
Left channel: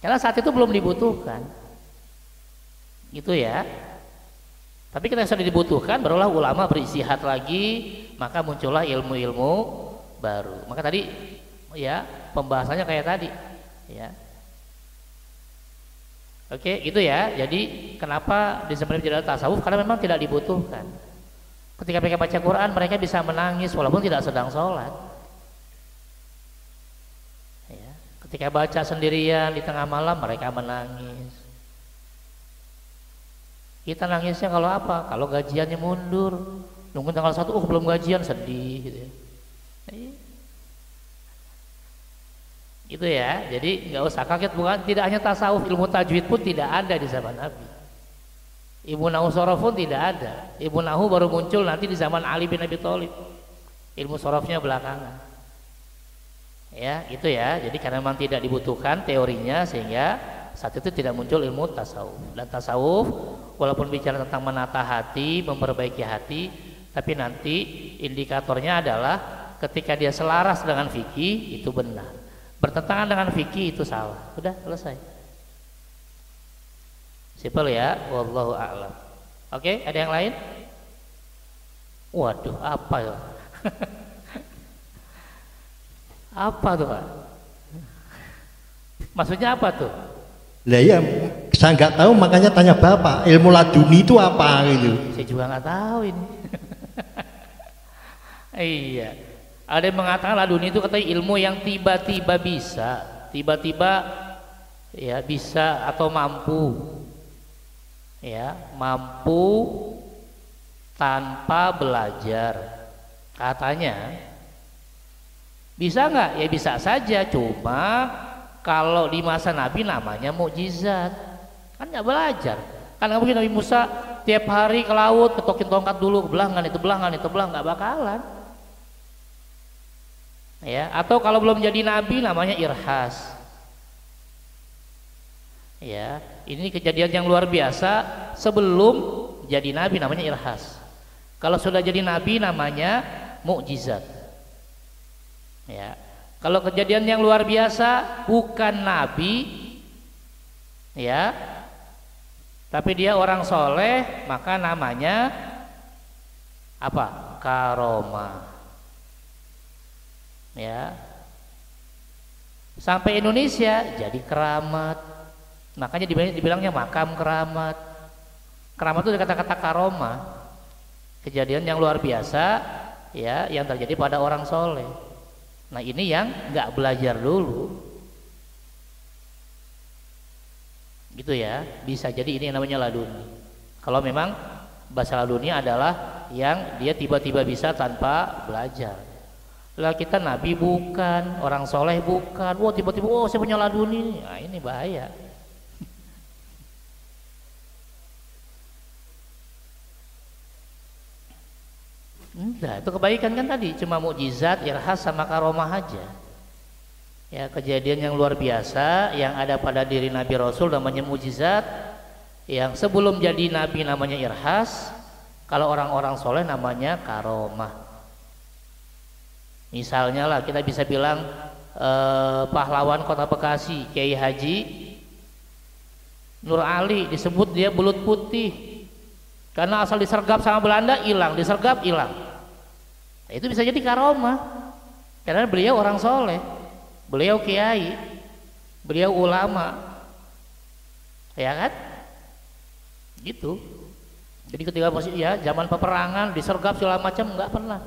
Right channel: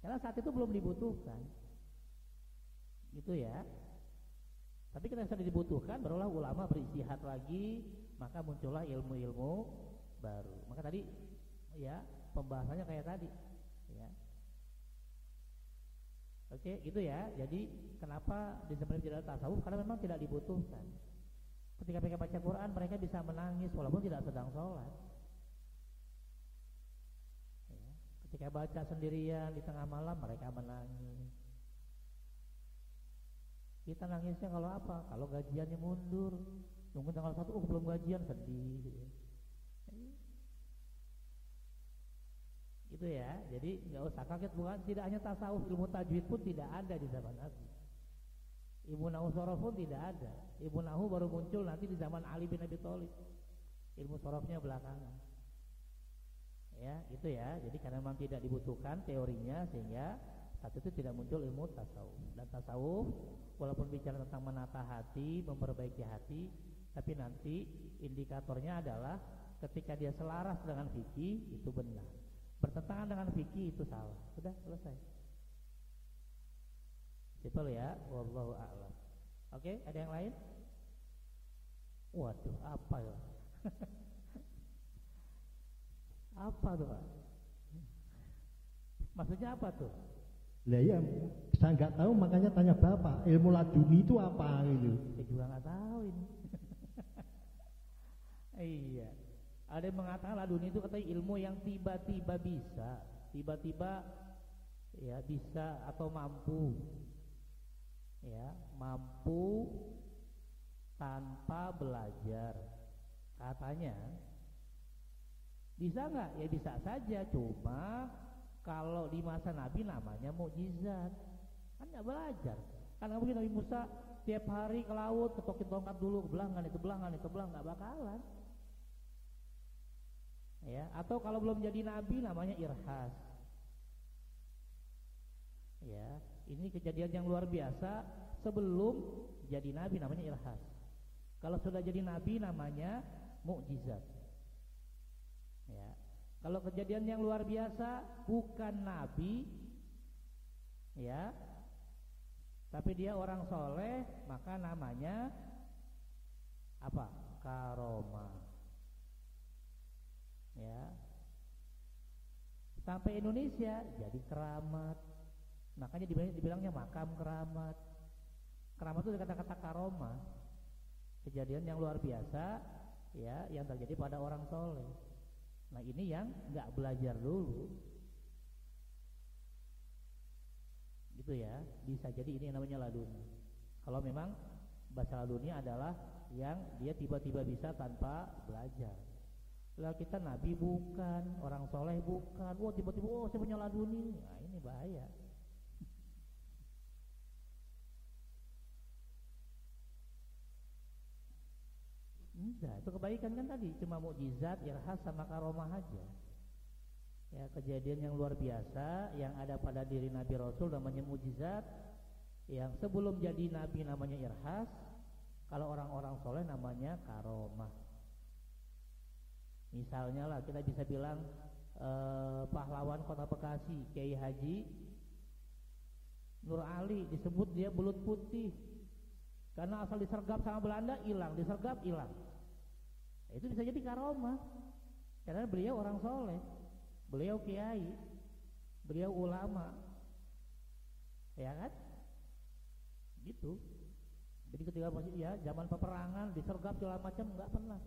karena saat itu belum dibutuhkan. Gitu ya. Tapi kita sudah dibutuhkan, barulah ulama beristihad lagi, maka muncullah ilmu-ilmu baru. Maka tadi ya pembahasannya kayak tadi, ya. Oke, gitu ya. Jadi kenapa di zaman tidak ada tasawuf? Karena memang tidak dibutuhkan. Ketika mereka baca Quran, mereka bisa menangis walaupun tidak sedang sholat. Ya. Ketika baca sendirian di tengah malam, mereka menangis. Kita nangisnya kalau apa? Kalau gajiannya mundur, nunggu tanggal 1, belum gajian, sedih gitu ya. Gitu ya. Jadi nggak usah kaget, bukan tidak hanya tasawuf, ilmu tajwid pun tidak ada di zaman Nabi. Ilmu nahu sorof pun tidak ada. Ilmu nahu baru muncul nanti di zaman Ali bin Abi Thalib. Ilmu sorofnya belakangan. Ya, gitu ya. Jadi karena memang tidak dibutuhkan teorinya, sehingga saat itu tidak muncul ilmu tasawuf. Dan tasawuf walaupun bicara tentang menata hati, memperbaiki hati, tapi nanti indikatornya adalah ketika dia selaras dengan fikih itu benar, bertentangan dengan fikih itu salah. Udah selesai. Simpel ya, wallahu a'lam. Oke, ada yang lain? Waduh, apa ya? Apa tuh, Pak? Maksudnya apa tuh? Lah ya, saya nggak tahu makanya tanya Bapak, ilmu laduni itu apa gitu. Saya juga nggak tahu ini. Iya. Ada yang mengatakan laduni itu katanya ilmu yang tiba-tiba bisa, tiba-tiba ya bisa atau mampu. Ya, mampu tanpa belajar. Katanya. Bisa nggak? Ya bisa saja, cuma kalau di masa Nabi namanya mukjizat, kan nggak belajar. Kan nggak mungkin Nabi Musa tiap hari ke laut ketokin tongkat dulu, belangan itu belangan itu belang, nggak bakalan. Ya, atau kalau belum jadi Nabi namanya irhas. Ya, ini kejadian yang luar biasa sebelum jadi Nabi namanya irhas. Kalau sudah jadi Nabi namanya mukjizat. Ya. Kalau kejadian yang luar biasa bukan nabi ya, tapi dia orang soleh, maka namanya apa? Karomah. Ya. Sampai Indonesia jadi keramat. Makanya dibilangnya makam keramat. Keramat itu kata-kata karomah. Kejadian yang luar biasa ya, yang terjadi pada orang soleh. Nah ini yang nggak belajar dulu, gitu ya. Bisa jadi ini yang namanya laduni. Kalau memang bahasa laduni adalah yang dia tiba-tiba bisa tanpa belajar. Lah kita nabi bukan, orang soleh bukan. Wah tiba-tiba saya punya laduni. Nah ini bahaya. Enggak, itu kebaikan kan tadi, cuma mukjizat, irhas sama karomah aja. Ya, kejadian yang luar biasa yang ada pada diri Nabi Rasul namanya mukjizat, yang sebelum jadi Nabi namanya irhas, kalau orang-orang soleh namanya karomah. Misalnya lah kita bisa bilang pahlawan kota Bekasi, Kiai Haji Nur Ali, disebut dia belut putih karena asal disergap sama Belanda hilang, disergap hilang. Nah, itu bisa jadi karomah karena beliau orang soleh, beliau kiai, beliau ulama, ya kan? Gitu. Jadi ketika ya zaman peperangan disergap segala macam nggak pernah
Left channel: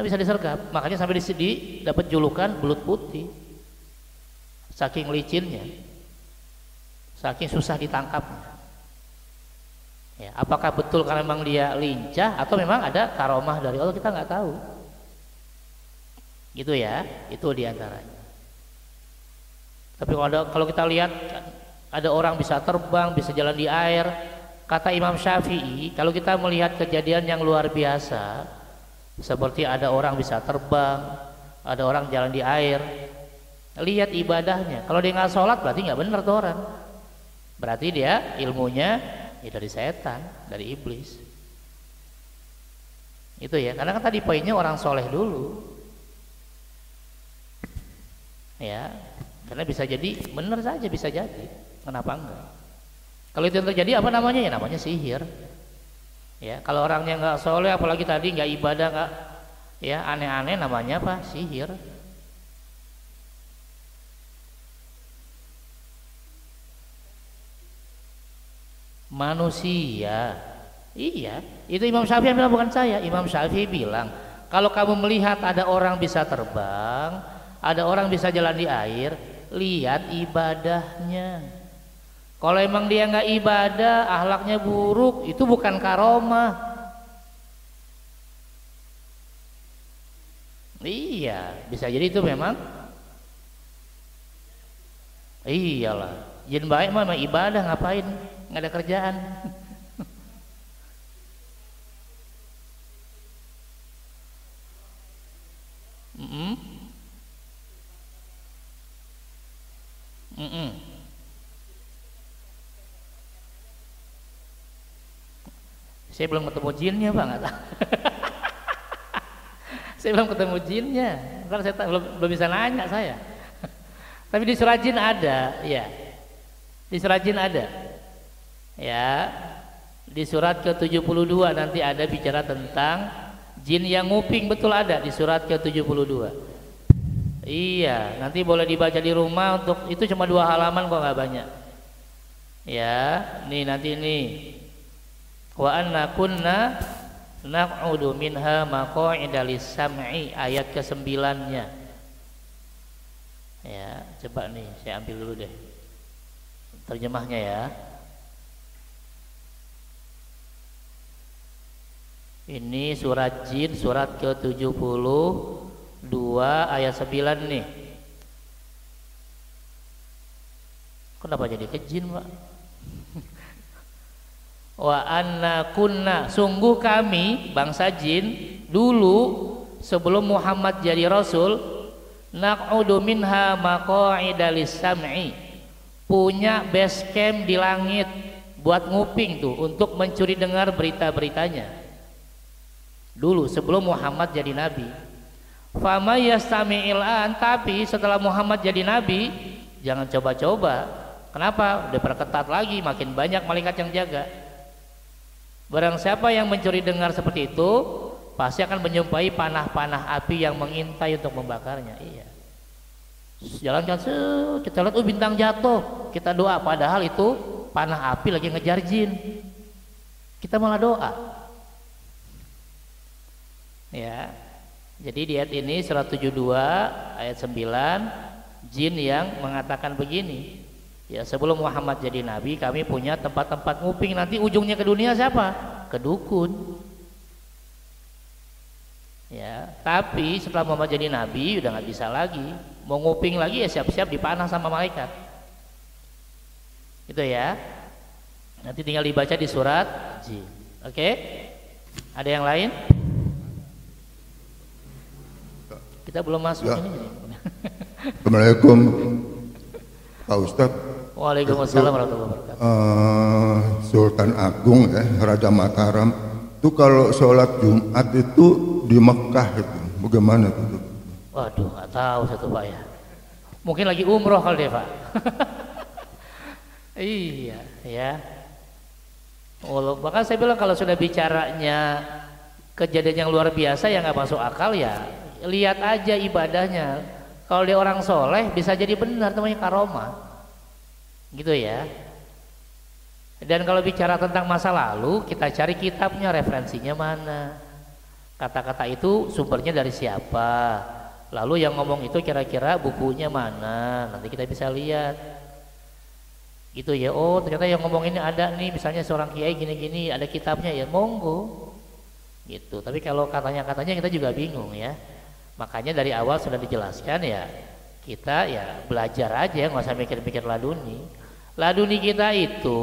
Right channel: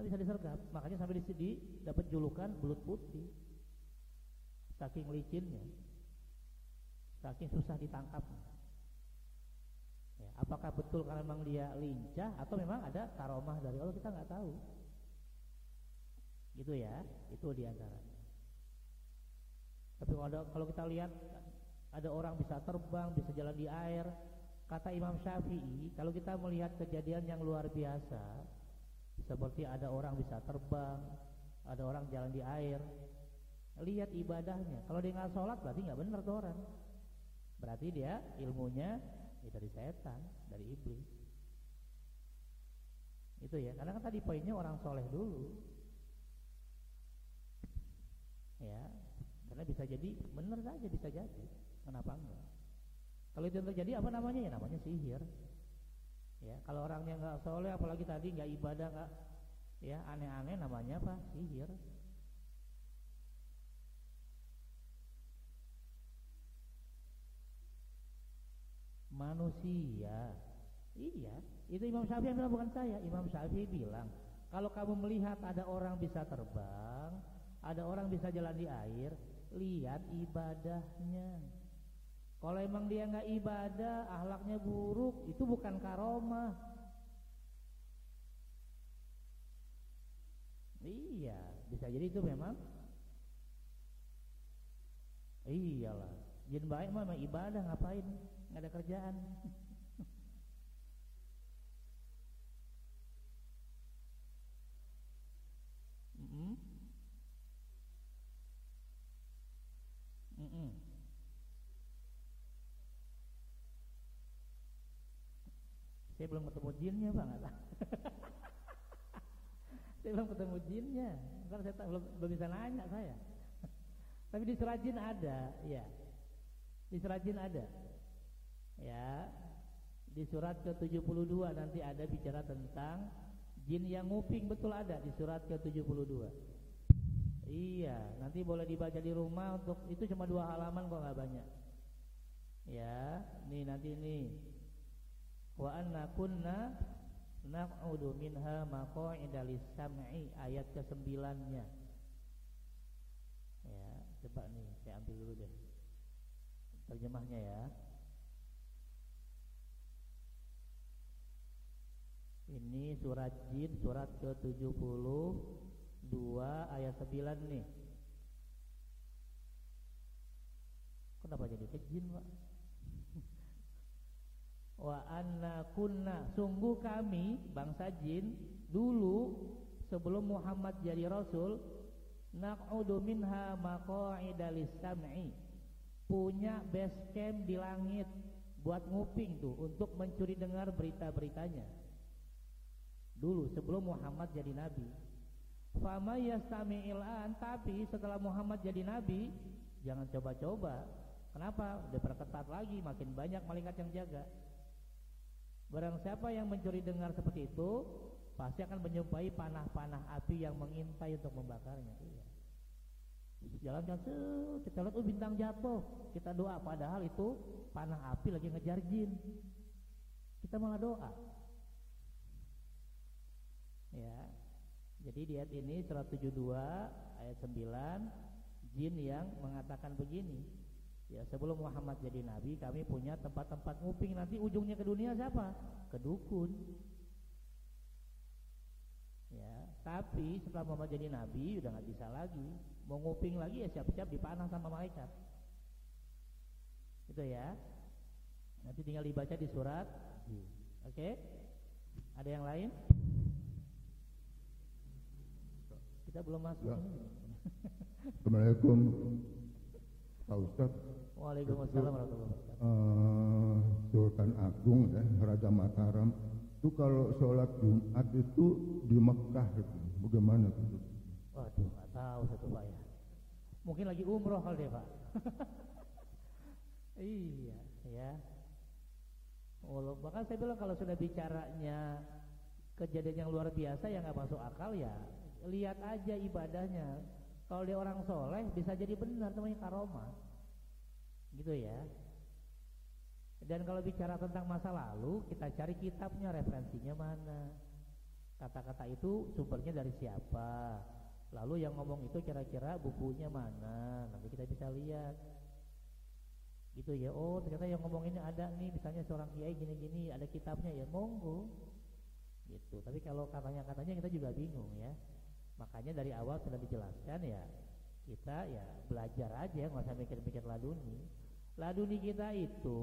bisa disergap, makanya sampai di dapat julukan belut putih, saking licinnya, saking susah ditangkapnya. Ya, apakah betul karena memang dia lincah atau memang ada karomah dari Allah, kita nggak tahu. Gitu ya, itu diantaranya. Tapi kalau kita lihat ada orang bisa terbang, bisa jalan di air, kata Imam Syafi'i, kalau kita melihat kejadian yang luar biasa, seperti ada orang bisa terbang, ada orang jalan di air, lihat ibadahnya. Kalau dia nggak sholat berarti nggak benar tuh orang. Berarti dia ilmunya ya dari setan, dari iblis. Itu ya, karena kan tadi poinnya orang soleh dulu. Ya, karena bisa jadi benar saja, bisa jadi. Kenapa enggak? Kalau itu yang terjadi apa namanya? Ya namanya sihir. Ya, kalau orangnya nggak soleh, apalagi tadi nggak ibadah, nggak ya aneh-aneh, namanya apa? Sihir. Manusia. Iya, itu Imam Syafi'i bilang, bukan saya. Imam Syafi'i bilang, kalau kamu melihat ada orang bisa terbang, ada orang bisa jalan di air, lihat ibadahnya. Kalau emang dia nggak ibadah, akhlaknya buruk, itu bukan karomah. Iya, bisa jadi itu memang. Iyalah, jin baik mah ibadah, ngapain? Nggak ada kerjaan. Saya belum ketemu jinnya Pak, nggak tahu. Saya belum ketemu jinnya, karena saya belum bisa nanya saya. Tapi di surat jin ada, ya. Di surat jin ada, ya. Di surat ke-72 nanti ada bicara tentang jin yang nguping, betul ada di surat ke-72. Iya, nanti boleh dibaca di rumah, untuk itu cuma 2 halaman kok, nggak banyak. Ya, nih nanti nih. Wa anna kunna naq'udu minha maq'ida lis-sam'i, ayat ke-9-nya. Ya, coba nih saya ambil dulu deh terjemahnya ya. Ini surat jin, surat ke-72 ayat 9 nih. Kenapa jadi ke jin, Pak? Wa anna kunna, sungguh kami bangsa jin dulu sebelum Muhammad jadi rasul, naq'udu minha maq'ida lis-sam'i, punya base camp di langit buat nguping tuh, untuk mencuri dengar berita-beritanya. Dulu sebelum Muhammad jadi nabi. Fama yastami'il an, tapi setelah Muhammad jadi nabi, jangan coba-coba. Kenapa? Udah perketat lagi, makin banyak malaikat yang jaga. Barang siapa yang mencuri dengar seperti itu, pasti akan menjumpai panah-panah api yang mengintai untuk membakarnya. Iya. Jalankan, kita lihat bintang jatuh, kita doa, padahal itu panah api lagi ngejar jin. Kita malah doa. Ya. Jadi di ayat ini surat 72 ayat 9, jin yang mengatakan begini. Ya, sebelum Muhammad jadi nabi, kami punya tempat-tempat nguping. Nanti ujungnya ke dunia siapa? Ke dukun. Ya, tapi setelah Muhammad jadi nabi udah nggak bisa lagi. Mau nguping lagi ya siap-siap dipanah sama malaikat. Itu ya. Nanti tinggal dibaca di surat jin. Oke? Ada yang lain? Kita belum masuk ya. Ini. Assalamualaikum Pak Ustadz. Waalaikumsalam warahmatullahi wabarakatuh. Sultan Agung ya, Raja Mataram itu kalau sholat Jumat itu di Mekah itu bagaimana itu? Waduh, nggak tahu satu Pak ya. Mungkin lagi umroh kali deh Pak. Iya, ya. Bahkan saya bilang kalau sudah bicaranya kejadian yang luar biasa yang nggak masuk akal ya, lihat aja ibadahnya. Kalau dia orang soleh bisa jadi benar, namanya karomah. Gitu ya. Dan kalau bicara tentang masa lalu, kita cari kitabnya, referensinya mana, kata-kata itu sumbernya dari siapa, lalu yang ngomong itu kira-kira bukunya mana, nanti kita bisa lihat gitu ya. Oh ternyata yang ngomong ini ada nih, misalnya seorang kiai gini-gini, ada kitabnya, ya monggo gitu. Tapi kalau katanya kita juga bingung ya. Makanya dari awal sudah dijelaskan ya, kita ya belajar aja, nggak usah mikir-mikir laduni. Laduni kita itu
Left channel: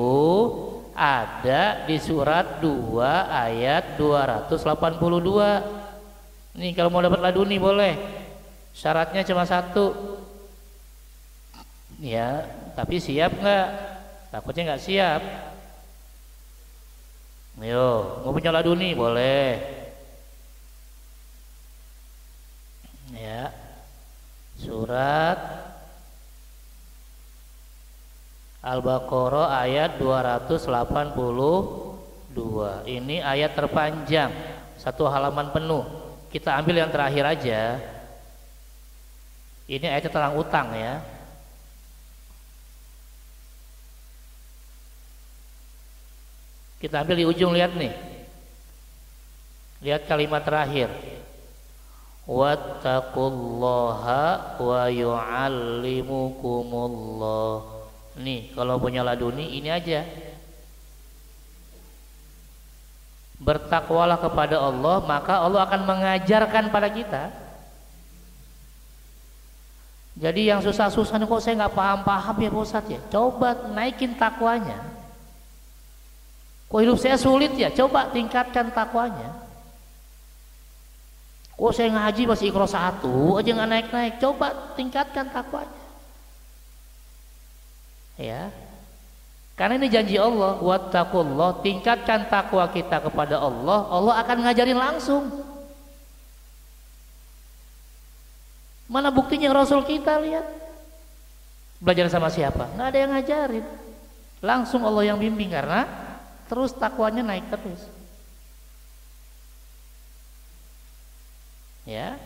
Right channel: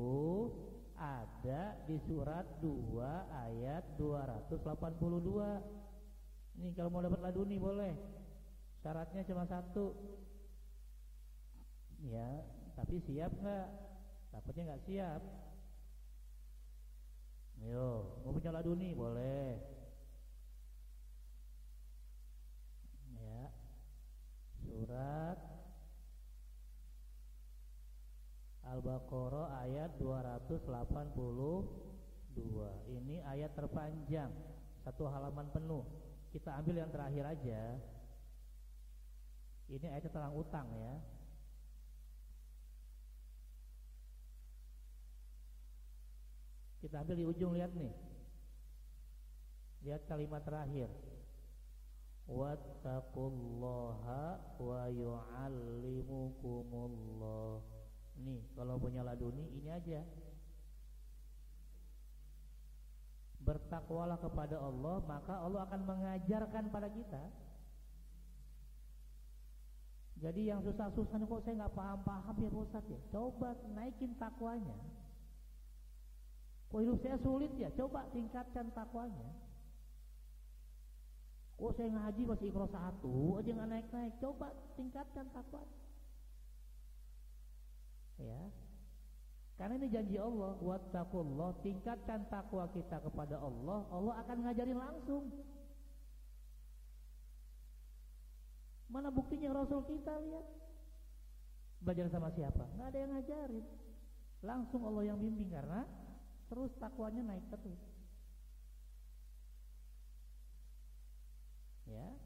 ada di surat 2 ayat 282. Nih kalau mau dapat laduni boleh. Syaratnya cuma 1. Ya, tapi siap nggak? Takutnya nggak siap. Ayo, mau punya laduni boleh. Ya. Surat Al-Baqarah ayat 282. Ini ayat terpanjang, 1 halaman penuh. Kita ambil yang terakhir aja. Ini ayatnya tentang utang ya. Kita ambil di ujung, lihat nih. Lihat kalimat terakhir. Wattaqullaha wa yu'allimukumullah. Nih, kalau punya laduni ini aja. Bertakwalah kepada Allah, maka Allah akan mengajarkan pada kita. Jadi yang susah-susah nih, kok saya nggak paham-paham ya Pak Ustadz ya. Coba naikin takwanya. Kok hidup saya sulit ya, coba tingkatkan takwanya. Kok saya ngaji masih Iqra 1 aja nggak naik-naik, coba tingkatkan takwanya. Ya, Karena ini janji Allah, wattaqullah, tingkatkan takwa kita kepada Allah, Allah akan ngajarin langsung. Mana buktinya Rasul kita, lihat. Belajar sama siapa? Nggak ada yang ngajarin. Langsung Allah yang bimbing karena terus takwanya naik terus. Ya.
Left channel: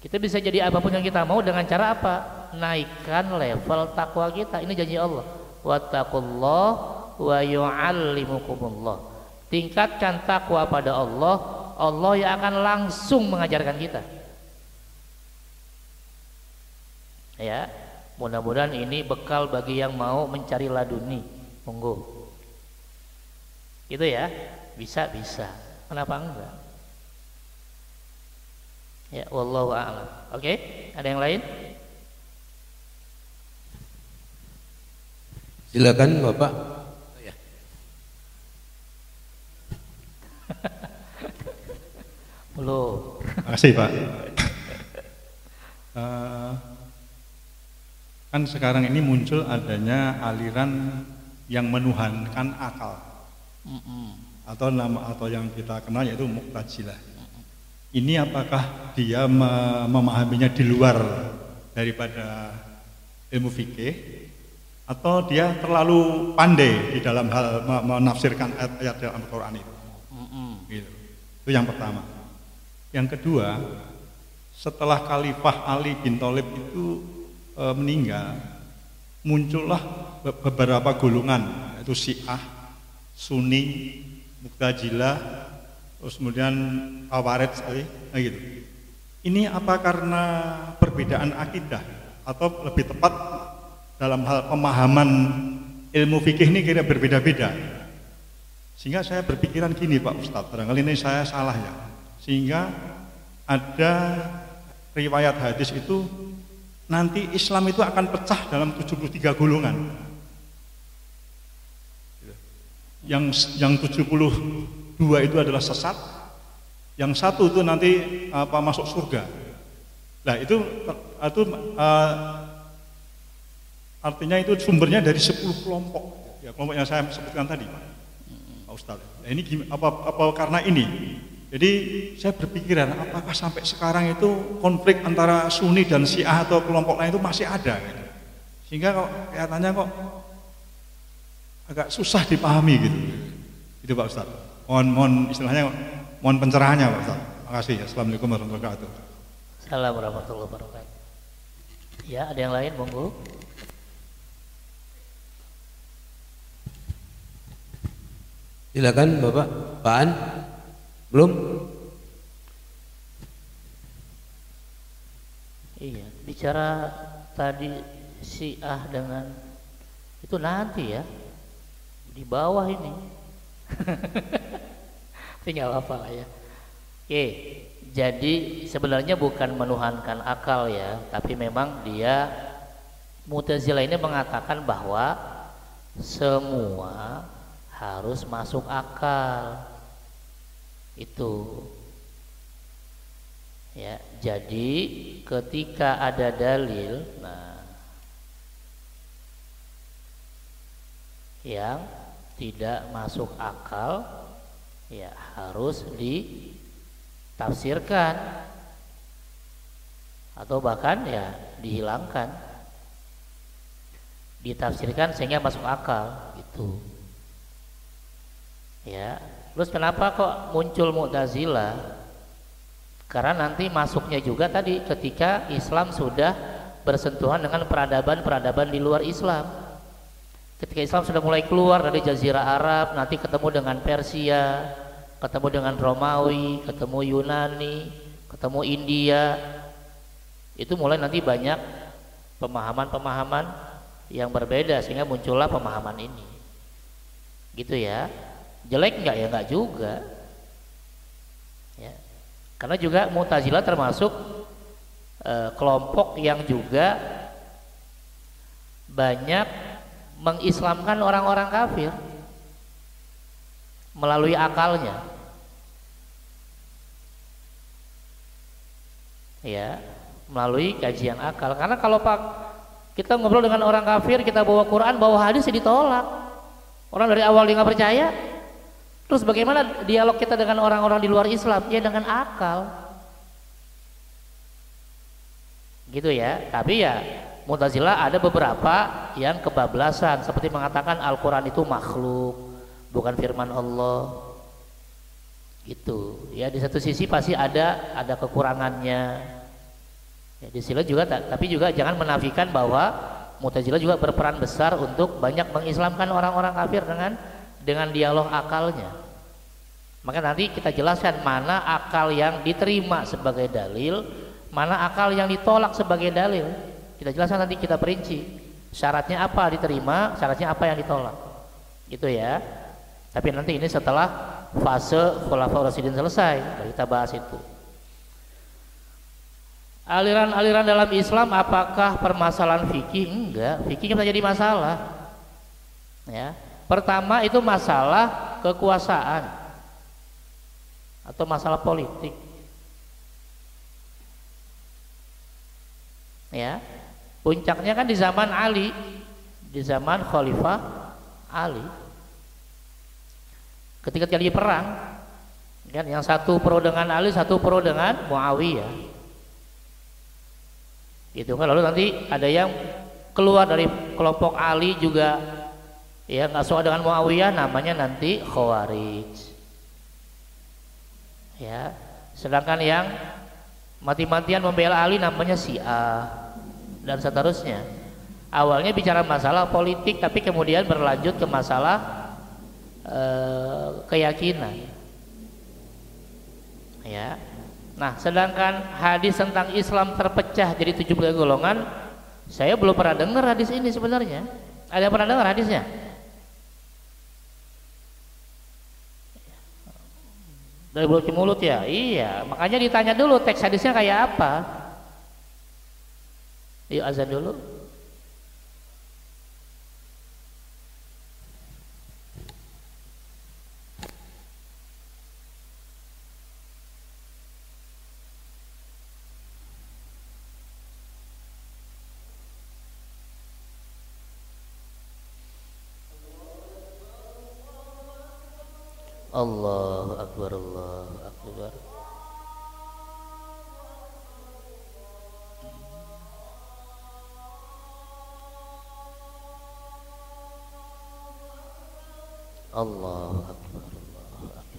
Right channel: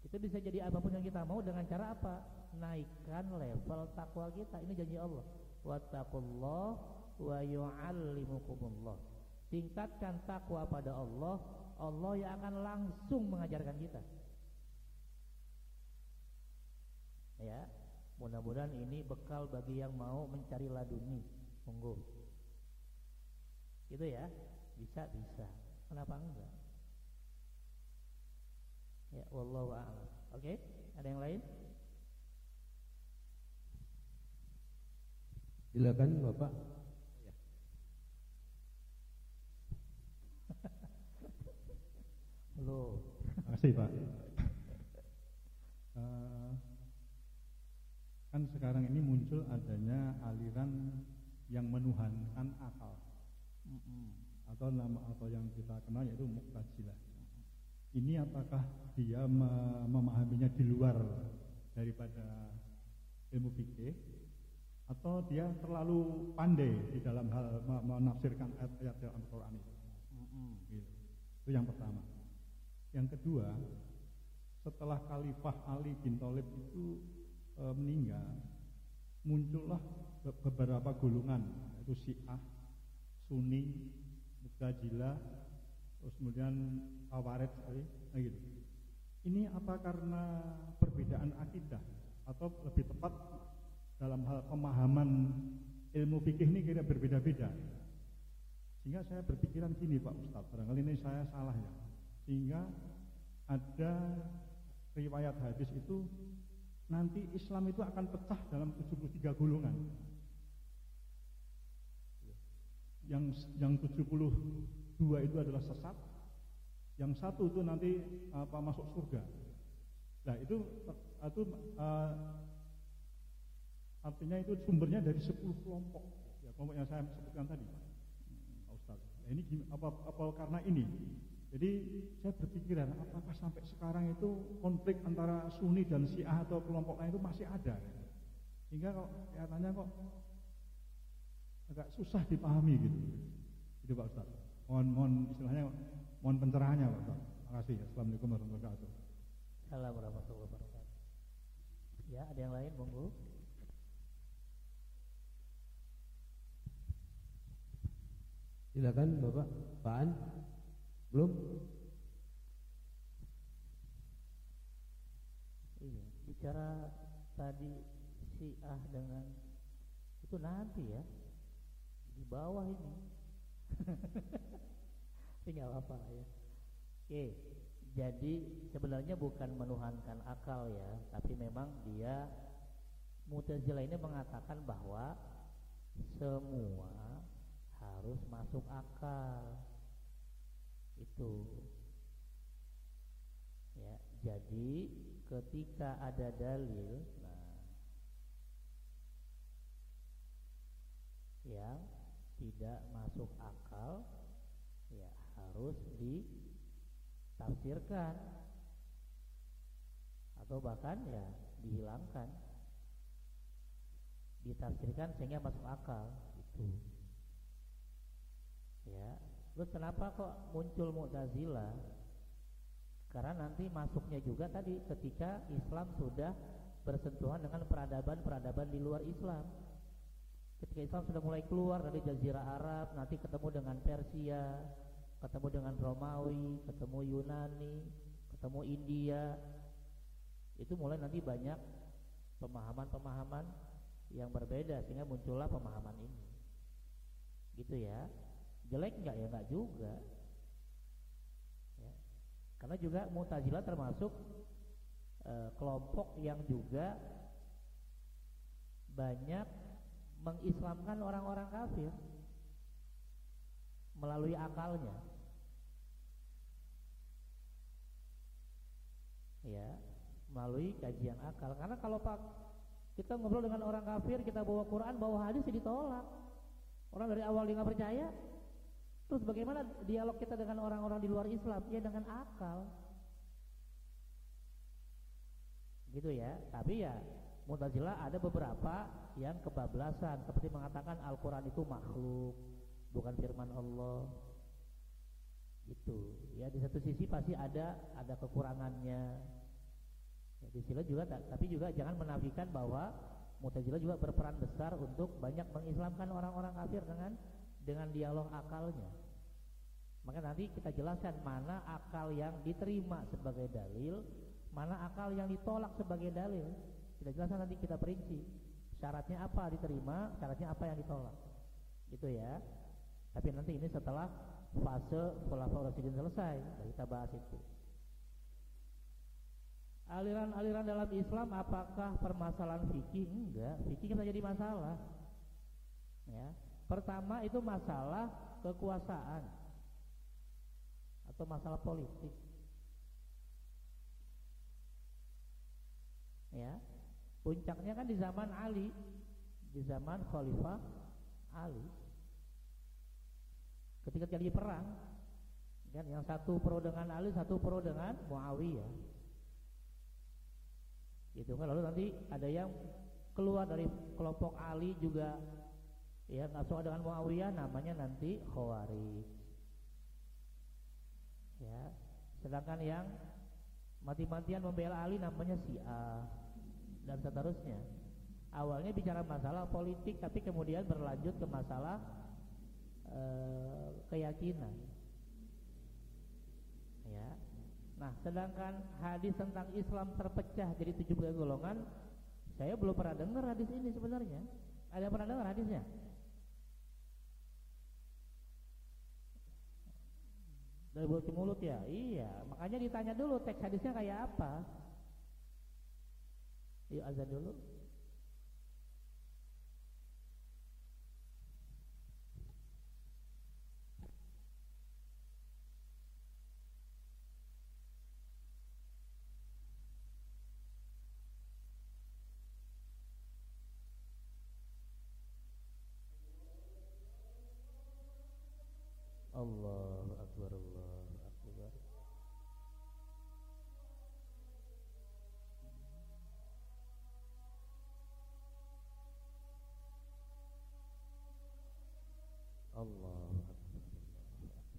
Kita bisa jadi apapun yang kita mau dengan cara apa? Naikkan level takwa kita. Ini janji Allah. Wattaqullah wa yu'allimukumullah. Tingkatkan takwa pada Allah, Allah yang akan langsung mengajarkan kita. Ya, mudah-mudahan ini bekal bagi yang mau mencari laduni. Monggo. Itu ya, bisa. Kenapa enggak? Ya, wallahu a'lam. Oke, ada yang lain? Silakan Bapak. Ya. Belum. Terima kasih Pak. Kan sekarang ini muncul adanya aliran yang menuhankan akal, atau yang kita kenal yaitu Mu'tazilah. Ini apakah dia memahaminya di luar daripada ilmu fikih, atau dia terlalu pandai di dalam hal menafsirkan ayat-ayat dalam Al-Quran itu? Gitu. Itu yang pertama. Yang kedua, setelah Khalifah Ali bin Thalib itu meninggal, muncullah beberapa golongan, yaitu Syiah, Sunni, Mu'tazilah, terus kemudian Khawarij, gitu. Ini apa karena perbedaan akidah atau lebih tepat dalam hal pemahaman ilmu fikih ini kira berbeda-beda? Sehingga saya berpikiran gini Pak Ustadz, barangkali ini saya salah ya. Sehingga ada riwayat hadis itu nanti Islam itu akan pecah dalam 73 golongan. Yang 72 itu adalah sesat, yang satu itu nanti masuk surga. Nah itu artinya itu sumbernya dari 10 kelompok, ya kelompok yang saya sebutkan tadi, Pak Ustadz. Nah ini apa karena ini? Jadi saya berpikiran apakah sampai sekarang itu konflik antara Sunni dan Syiah atau kelompok lain itu masih ada, gitu. Sehingga kok kelihatannya kok agak susah dipahami gitu. Itu Pak Ustadz. Mohon istilahnya mohon pencerahannya Pak Ustadz. Terima kasih. Assalamualaikum warahmatullahi wabarakatuh. Assalamualaikum warahmatullahi wabarakatuh. Ya, ada yang lain, monggo. Silakan Bapak. Pak An. Belum? Iya, bicara tadi Syiah dengan itu nanti ya di bawah ini. Tinggal apa lah ya. Oke, jadi sebenarnya bukan menuhankan akal ya, tapi memang dia Mu'tazilah ini mengatakan bahwa semua harus masuk akal. Itu ya, jadi ketika ada dalil yang tidak masuk akal ya harus ditafsirkan atau bahkan ya dihilangkan, ditafsirkan sehingga masuk akal gitu ya. Terus kenapa kok muncul Mu'tazilah? Karena nanti masuknya juga tadi ketika Islam sudah bersentuhan dengan peradaban-peradaban di luar Islam. Ketika Islam sudah mulai keluar dari Jazirah Arab, nanti ketemu dengan Persia, ketemu dengan Romawi, ketemu Yunani, ketemu India. Itu mulai nanti banyak pemahaman-pemahaman yang berbeda sehingga muncullah pemahaman ini. Gitu ya. Jelek enggak ya? Enggak juga ya. Karena juga Mu'tazilah termasuk kelompok yang juga banyak mengislamkan orang-orang kafir melalui akalnya ya, melalui kajian akal. Karena kalau kita ngobrol dengan orang kafir, kita bawa Quran, bawa hadis, ya ditolak. Orang dari awal dia nggak percaya. Terus bagaimana dialog kita dengan orang-orang di luar Islam? Ya dengan akal. Gitu ya. Tapi ya Mu'tazilah ada beberapa yang kebablasan seperti mengatakan Al-Qur'an itu makhluk, bukan firman Allah. Gitu. Ya di satu sisi pasti ada kekurangannya. Ya, di sini juga tapi juga jangan menafikan bahwa Mu'tazilah juga berperan besar untuk banyak mengislamkan orang-orang kafir dengan dialog akalnya. Maka nanti kita jelaskan mana akal yang diterima sebagai dalil, mana akal yang ditolak sebagai dalil. Kita jelaskan nanti, kita perinci syaratnya apa diterima, syaratnya apa yang ditolak. Gitu ya. Tapi nanti ini setelah fase Khulafaur Rasyidin selesai, kita bahas itu. Aliran-aliran dalam Islam apakah permasalahan fikih? Enggak, fikih bisa jadi masalah. Ya. Pertama itu masalah kekuasaan atau masalah politik. Ya. Puncaknya kan di zaman Ali, di zaman Khalifah Ali. Ketika terjadi perang, kan yang satu pro dengan Ali, satu pro dengan Muawiyah. Gitu kan, lalu nanti ada yang keluar dari kelompok Ali juga ya nggak suka dengan Muawiyah, namanya nanti Khawarij. Ya, sedangkan yang mati-matian membela Ali namanya Syiah dan seterusnya. Awalnya bicara masalah politik, tapi kemudian berlanjut ke masalah keyakinan. Ya. Nah, sedangkan hadis tentang Islam terpecah jadi 73 golongan, saya belum pernah dengar hadis ini sebenarnya. Ada yang pernah dengar hadisnya? Dari mulut ke mulut ya? Iya, makanya ditanya dulu teks hadisnya kayak apa. Yuk azan dulu. Allahu Akbar, Allahu Akbar. Allahu Akbar, Allahu Akbar.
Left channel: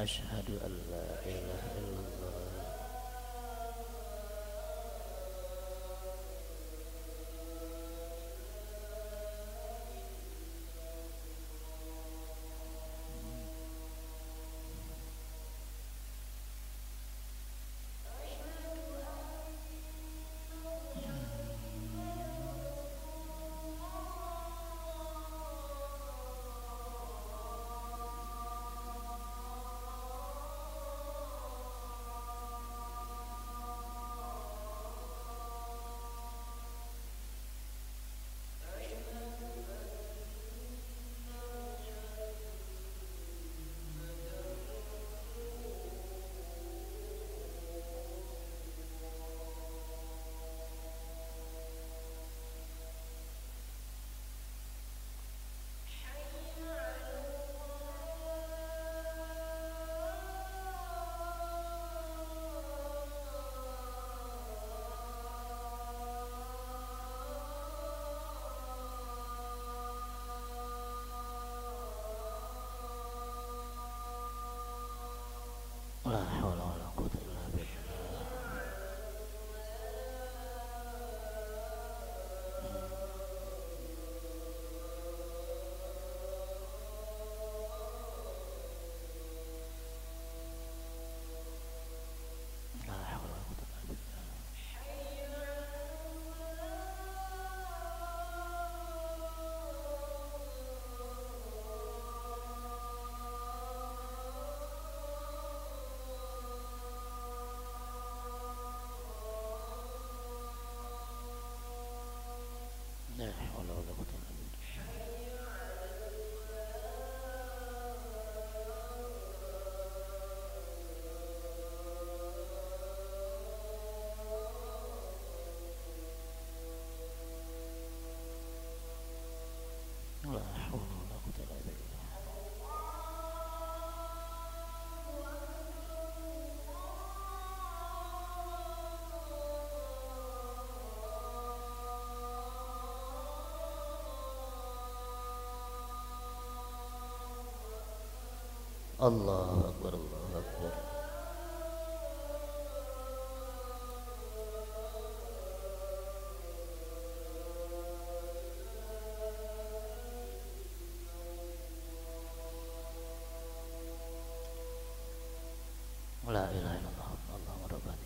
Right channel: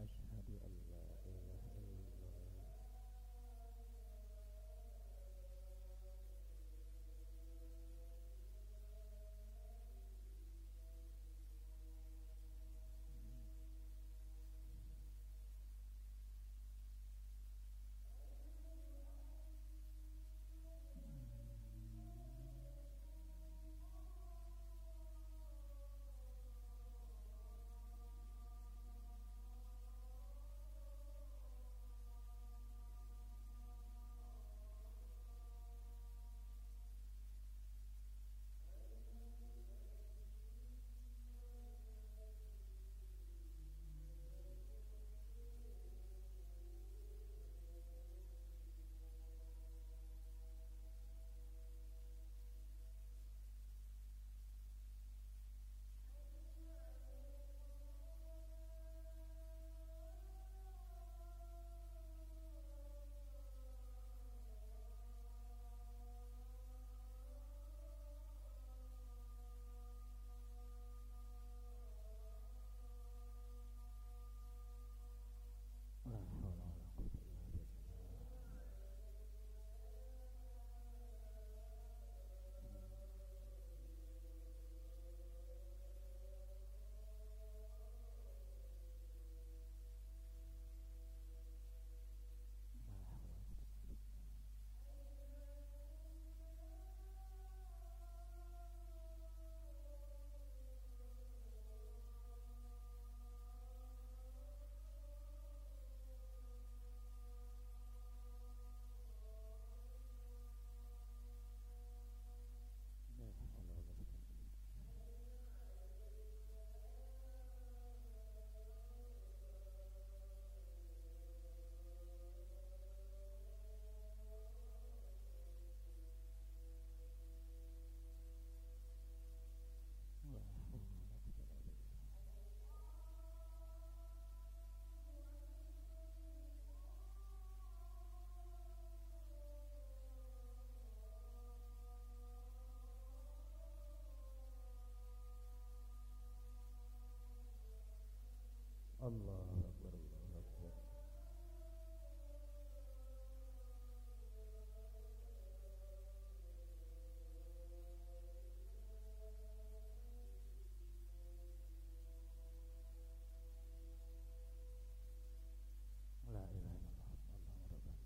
Asyhadu an la ilaha illallah. Allahu Akbar, Allahu Akbar. La ilaha illallah, Allahu Akbar.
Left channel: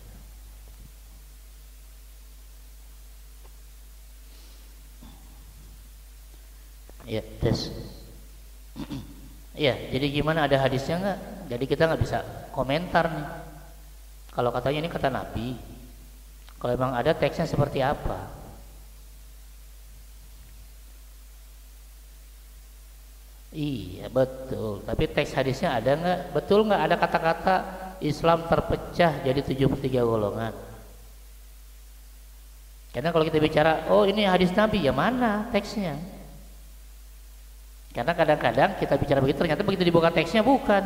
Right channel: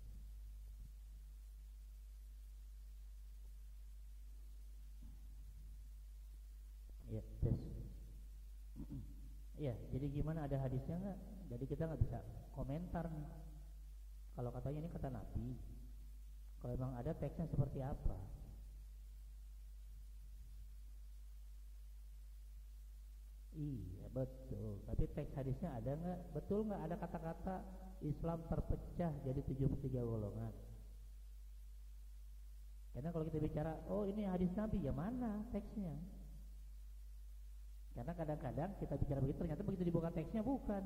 Ya, tes. Ya, jadi gimana, ada hadisnya nggak? Jadi kita nggak bisa komentar nih. Kalau katanya ini kata Nabi, kalau emang ada teksnya seperti apa? Iya betul. Tapi teks hadisnya ada nggak? Betul nggak ada kata-kata Islam terpecah jadi 73 golongan? Karena kalau kita bicara, oh ini hadis Nabi, ya mana teksnya? Karena kadang-kadang kita bicara begitu, ternyata begitu dibuka teksnya bukan.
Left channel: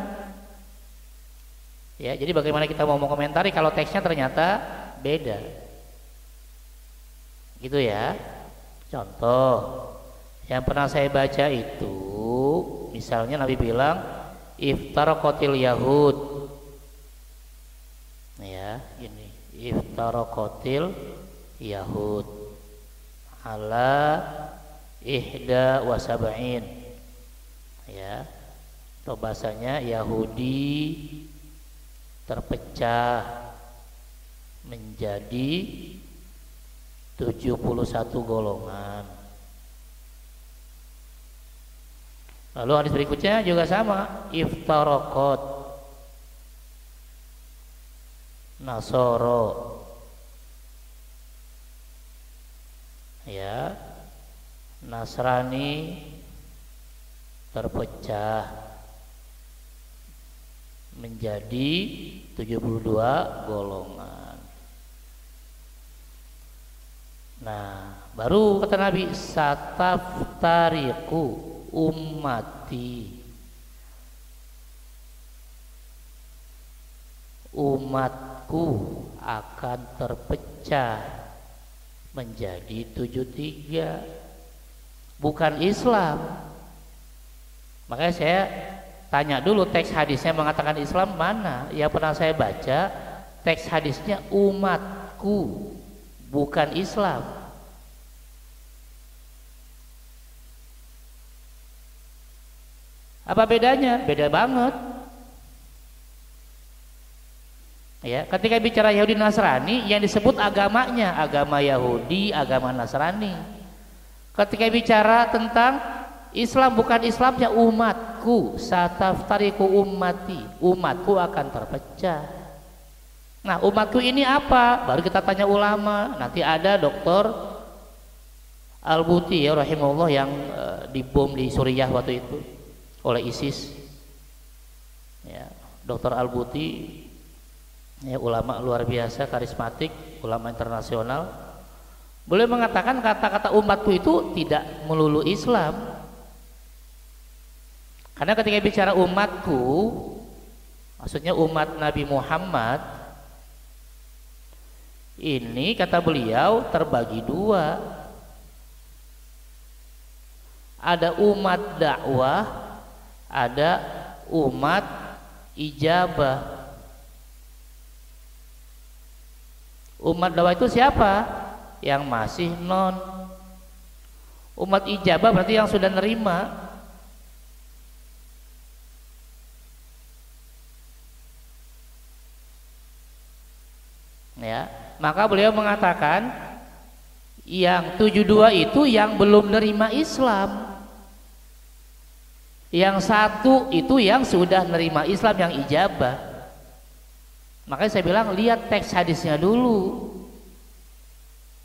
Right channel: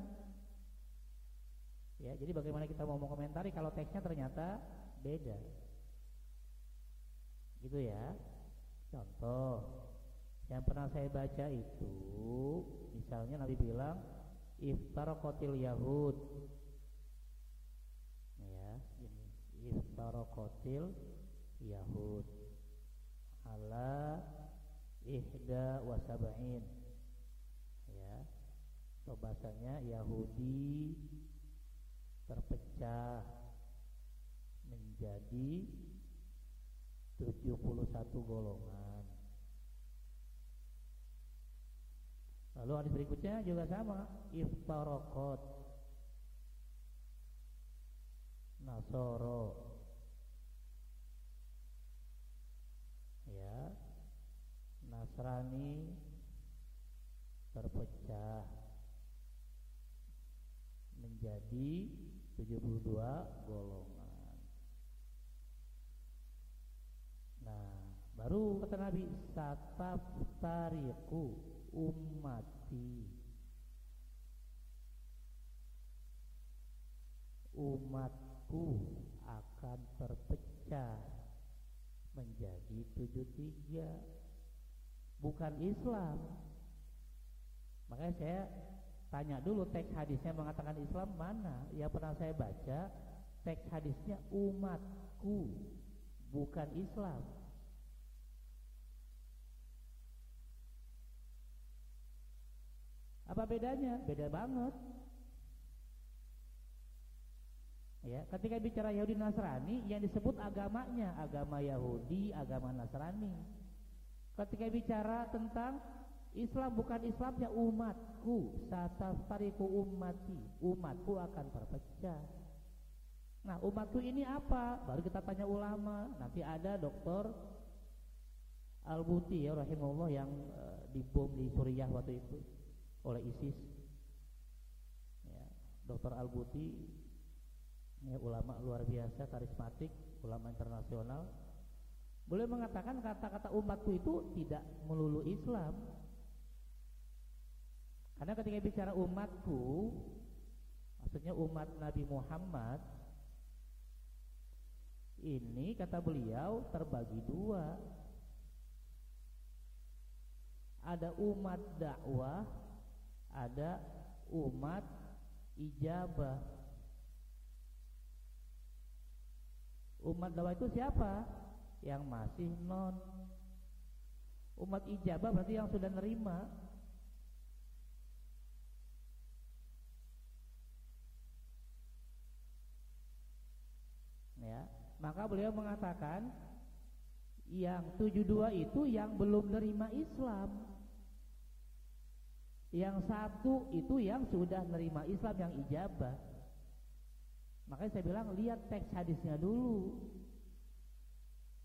Ya, jadi bagaimana kita mau mengomentari kalau teksnya ternyata beda? Gitu ya. Contoh yang pernah saya baca itu, misalnya Nabi bilang iftaraqatil yahud. Ya, ini iftaraqatil yahud ala ihda wa sab'in. Ya, atau bahasanya Yahudi terpecah menjadi 71 golongan. Lalu hadis berikutnya juga sama, iftaraqat Nasoro, ya, Nasrani terpecah menjadi 72 golongan. Nah, baru kata Nabi, sataftariqu ummati, umatku akan terpecah menjadi 73, bukan Islam. Makanya saya tanya dulu, teks hadisnya mengatakan Islam mana? Yang pernah saya baca teks hadisnya umatku, bukan Islam. Apa bedanya? Beda banget. Ya, ketika bicara Yahudi Nasrani yang disebut agamanya, agama Yahudi, agama Nasrani. Ketika bicara tentang Islam, bukan Islamnya, umatku, sataftariqu ummati, umatku akan terpecah. Nah, umatku ini apa? Baru kita tanya ulama. Nanti ada Dr. Al-Buti ya rahimahullah yang dibom di Suriah waktu itu oleh ISIS. Ya, Dr. Al-Buti ya, ulama luar biasa, karismatik, ulama internasional. Boleh mengatakan kata-kata umatku itu tidak melulu Islam. Karena ketika bicara umatku, maksudnya umat Nabi Muhammad, ini kata beliau terbagi dua. Ada umat dakwah, ada umat ijabah. Umat dakwah itu siapa? Yang masih non. Umat ijabah berarti yang sudah nerima. Ya, maka beliau mengatakan yang 72 itu yang belum nerima Islam, yang satu itu yang sudah nerima Islam, yang ijabah. Makanya saya bilang lihat teks hadisnya dulu.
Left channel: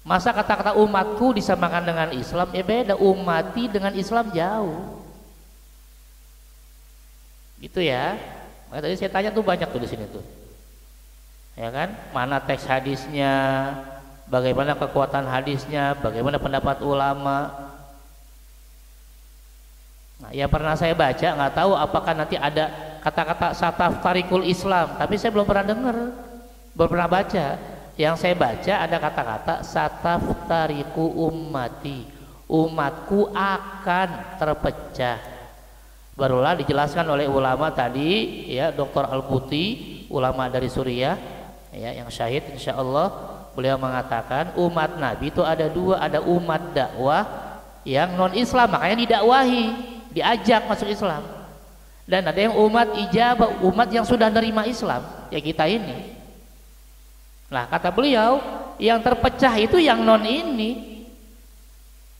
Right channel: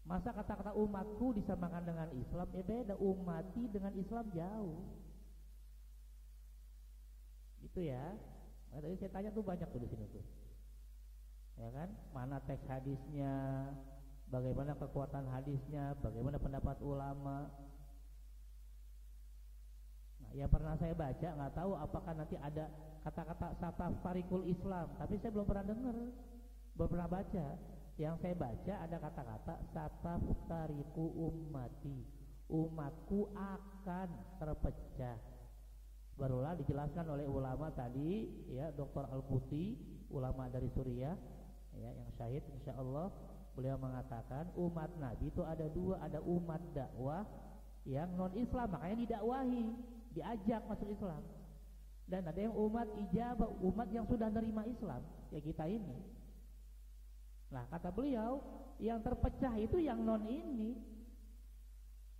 Masa kata-kata umatku disamakan dengan Islam? Ya beda, ummati dengan Islam jauh. Gitu ya. Makanya tadi saya tanya tuh banyak tuh di sini tuh. Ya kan, mana teks hadisnya, bagaimana kekuatan hadisnya, bagaimana pendapat ulama. Nah, yang pernah saya baca, nggak tahu apakah nanti ada kata-kata sataftariqul Islam, tapi saya belum pernah dengar, belum pernah baca. Yang saya baca ada kata-kata sataftariqu ummati, umatku akan terpecah Barulah dijelaskan oleh ulama tadi ya, Dr. Al-Buti, ulama dari Suriah ya, yang syahid insyaallah. Beliau mengatakan umat Nabi itu ada dua, ada umat dakwah yang non Islam, makanya didakwahi, diajak masuk Islam, dan ada yang umat ijabah, umat yang sudah nerima Islam ya, kita ini. Nah kata beliau, yang terpecah itu yang non ini,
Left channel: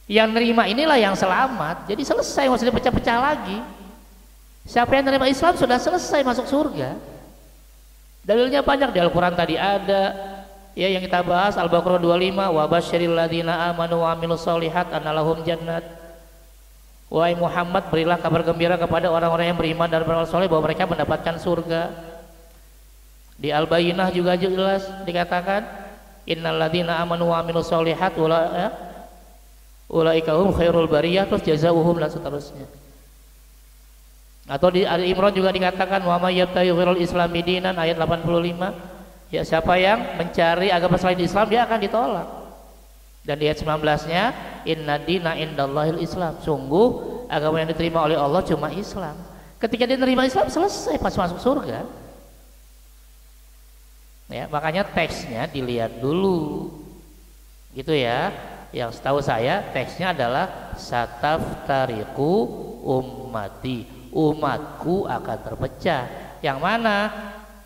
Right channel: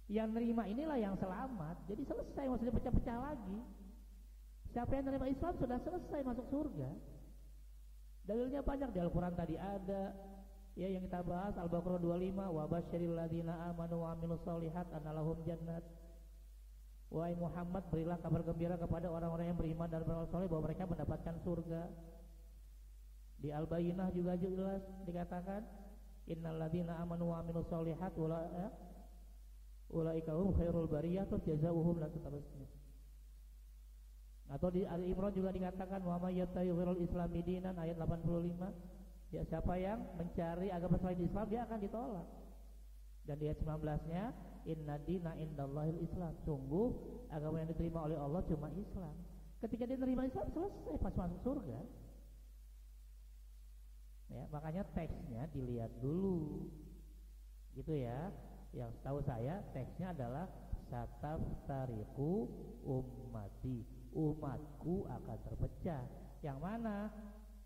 yang nerima inilah yang selamat. Jadi selesai, nggak usah dipecah-pecah lagi. Siapa yang nerima Islam sudah selesai masuk surga. Dalilnya banyak di Al-Quran tadi ada ya, yang kita bahas Al-Baqarah 25, wa basyiril ladzina amanu wa amilus solihat anna lahum jannat. Wahai Muhammad, berilah kabar gembira kepada orang-orang yang beriman dan beramal soleh bahwa mereka mendapatkan surga. Di Al-Bayyinah juga jelas dikatakan innal ladzina amanu wa amilus solihat ulaika hum khairul bariyah, terus jazaohum dan seterusnya. Atau di Ali Imran juga dikatakan wa may yabtaghi ghairal islami dinan, ayat 85. Ya, siapa yang mencari agama selain Islam dia akan ditolak. Dan di ayat 19-nya inna dina indallahil Islam, sungguh agama yang diterima oleh Allah cuma Islam. Ketika dia menerima Islam selesai, pas masuk surga. Ya, makanya teksnya dilihat dulu gitu ya. Yang setahu saya teksnya adalah sataftariqu ummati, umatku akan terpecah. Yang mana?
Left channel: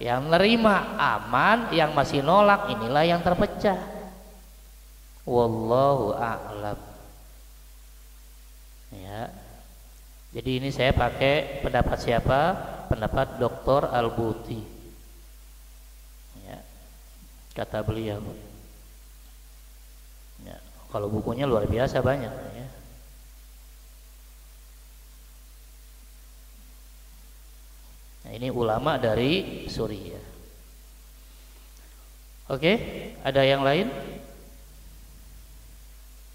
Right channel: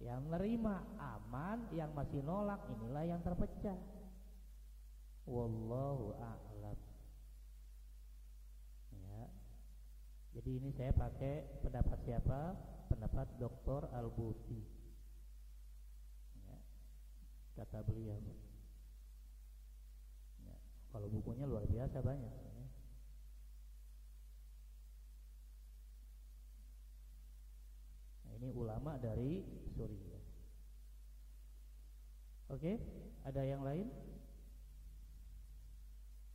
Yang nerima aman, yang masih nolak inilah yang terpecah. Wallahu a'lam. Ya. Jadi ini saya pakai pendapat siapa? Pendapat Dr. Al-Buti. Kata beliau ya, kalau bukunya luar biasa banyak ya. Nah, ini ulama dari Suriah. Oke, ada yang lain?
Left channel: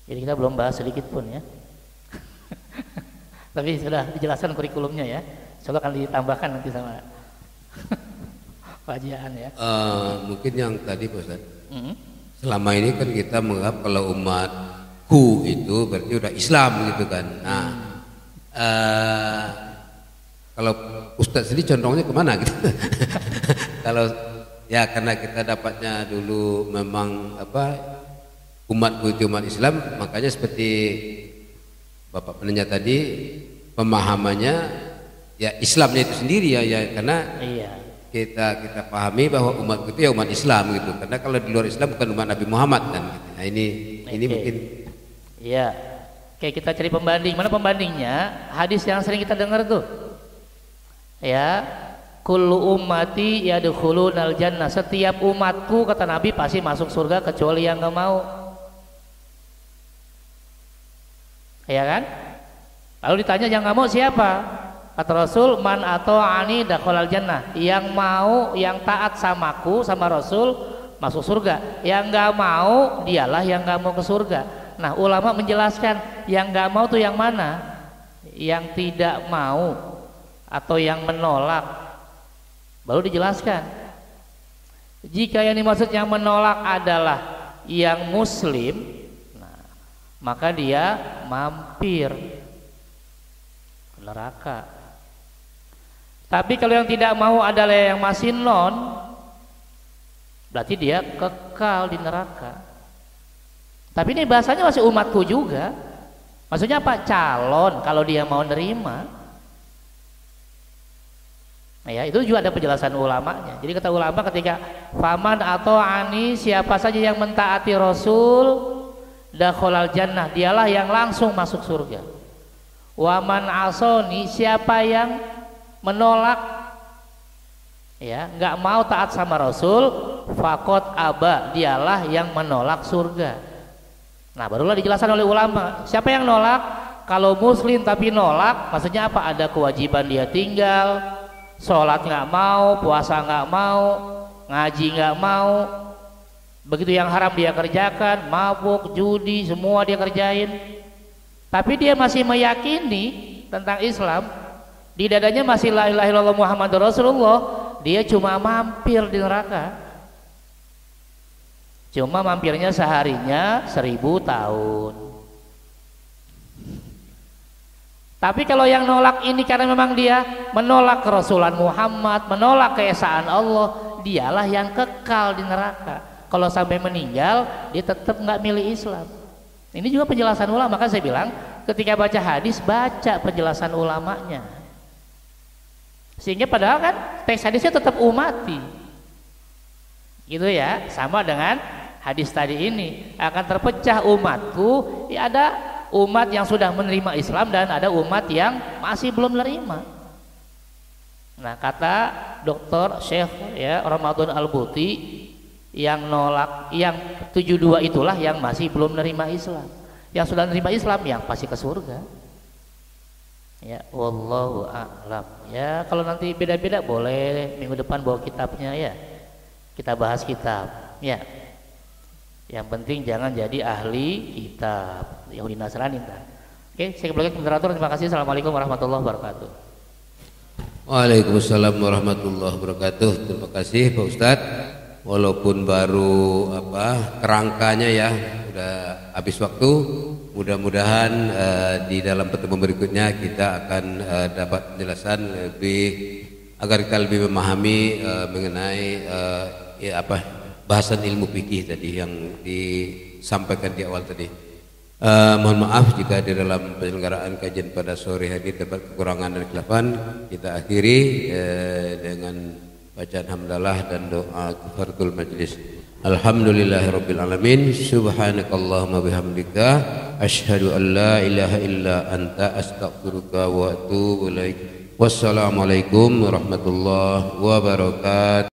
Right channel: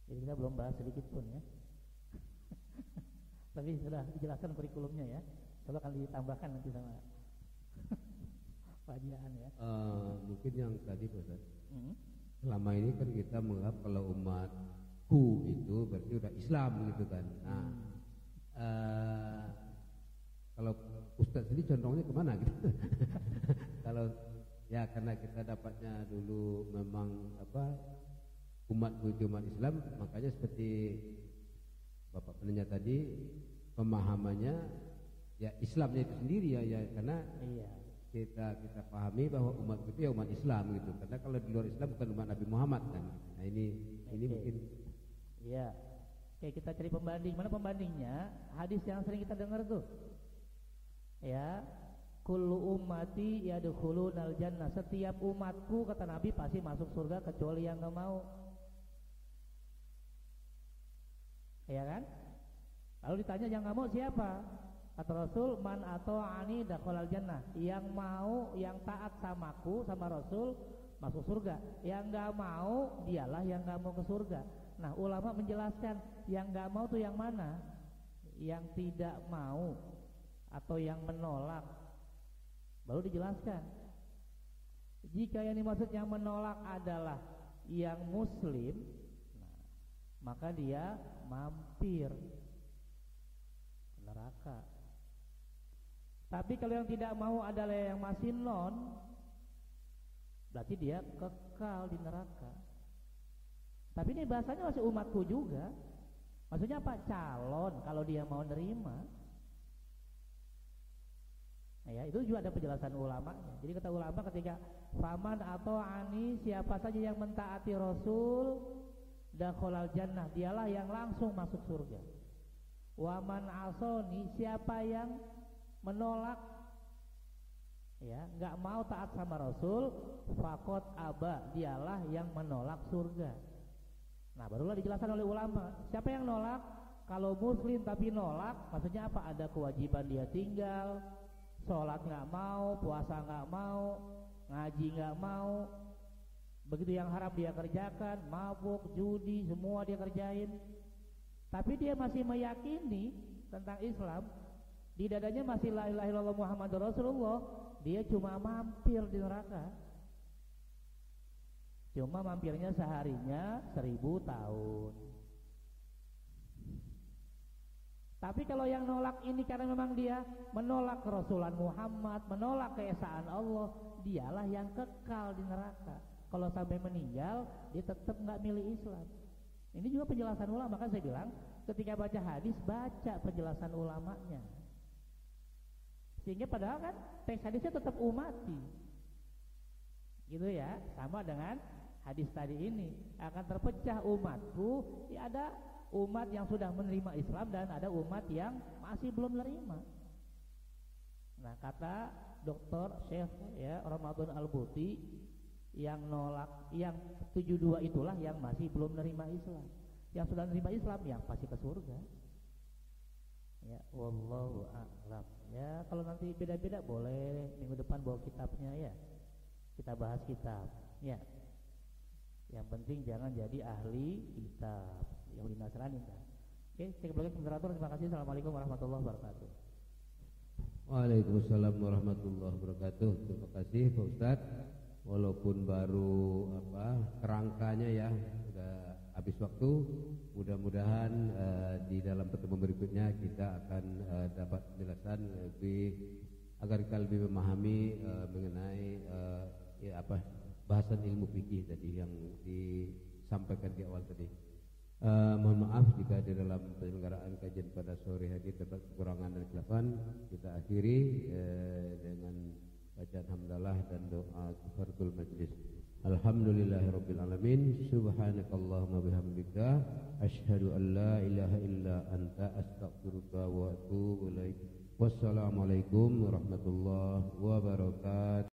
Jadi kita belum bahas sedikit pun ya. Tapi sudah dijelaskan kurikulumnya ya. Soalnya akan ditambahkan nanti sama kajian ya. Mungkin yang tadi Pak Ustaz, selama ini kan kita menganggap kalau umatku itu berarti udah Islam gitu kan. Nah, kalau Ustaz sendiri condongnya kemana gitu? Kalau ya karena kita dapatnya dulu memang umatku itu umat Islam, makanya seperti Bapak penanya tadi pemahamannya ya Islamnya itu sendiri ya karena iya. Kita pahami bahwa umat itu ya umat Islam gitu, karena kalau di luar Islam bukan umat Nabi Muhammad kan gitu. Nah ini mungkin ya kayak kita cari pembanding. Mana pembandingnya? Hadis yang sering kita dengar tuh ya, kullu ummati yadkhulunal jannah, setiap umatku kata Nabi pasti masuk surga kecuali yang nggak mau, ya kan? Lalu ditanya yang nggak mau siapa? Kata Rasul, man atau ani dakhalal jannah, yang mau, yang taat samaku sama Rasul masuk surga, yang nggak mau dialah yang nggak mau ke surga. Nah ulama menjelaskan yang nggak mau tuh yang mana, yang tidak mau atau yang menolak. Baru dijelaskan jika yang dimaksud yang menolak adalah yang muslim, nah, maka dia mampir ke neraka. Tapi kalau yang tidak mau adalah yang masih non, berarti dia kekal di neraka. Tapi ini bahasanya masih umatku juga. Maksudnya apa? Calon kalau dia mau nerima. Nah ya, itu juga ada penjelasan ulamanya. Jadi kata ulama ketika faman atau ani, siapa saja yang mentaati Rasul dakhalal jannah, dialah yang langsung masuk surga. Waman asoni, siapa yang menolak ya, nggak mau taat sama Rasul, fakot aba, dialah yang menolak surga. Nah barulah dijelaskan oleh ulama siapa yang nolak. Kalau muslim tapi nolak, maksudnya apa? Ada kewajiban dia tinggal, sholat nggak mau, puasa nggak mau, ngaji nggak mau, begitu yang haram dia kerjakan, mabuk, judi, semua dia kerjain. Tapi dia masih meyakini tentang Islam, di dadanya masih la ilaha illallah Muhammadur Rasulullah, dia cuma mampir di neraka. Cuma mampirnya seharinya 1000 tahun. Tapi kalau yang nolak ini karena memang dia menolak kerasulan Muhammad, menolak keesaan Allah, dialah yang kekal di neraka. Kalau sampai meninggal, dia tetap nggak milih Islam. Ini juga penjelasan ulama. Maka saya bilang, ketika baca hadis, baca penjelasan ulamanya. Sehingga padahal kan teks hadisnya tetap umati. Gitu ya, sama dengan hadis tadi ini. Akan terpecah umatku, ya ada umat yang sudah menerima Islam dan ada umat yang masih belum menerima. Nah, kata Dr. Syekh ya Ramadan Al-Buti, yang nolak, yang 72 itulah yang masih belum menerima Islam. Yang sudah menerima Islam yang pasti ke surga. Ya, wallahu a'lam. Ya, kalau nanti beda-beda boleh minggu depan bawa kitabnya ya. Kita bahas kitab. Ya. Yang penting jangan jadi ahli kitab Yahudi Nasrani. Oke, saya kembali ke moderator. Terima kasih. Assalamualaikum warahmatullahi wabarakatuh. Waalaikumsalam warahmatullahi wabarakatuh. Terima kasih Pak Ustadz. Walaupun baru kerangkanya ya udah habis waktu. Mudah-mudahan di dalam pertemuan berikutnya kita akan dapat penjelasan lebih agar kita lebih memahami mengenai bahasan ilmu fikih tadi yang disampaikan di awal tadi. Mohon maaf jika di dalam penyelenggaraan kajian pada sore hari terdapat kekurangan dan kesilapan. Kita akhiri dengan bacaan hamdalah dan doa kafaratul majlis. Alhamdulillahirabbil alamin. Subhanakallahumma bihamdika asyhadu an la ilaha illa anta astaghfiruka wa atubu ilaik. Wassalamualaikum warahmatullahi wabarakatuh.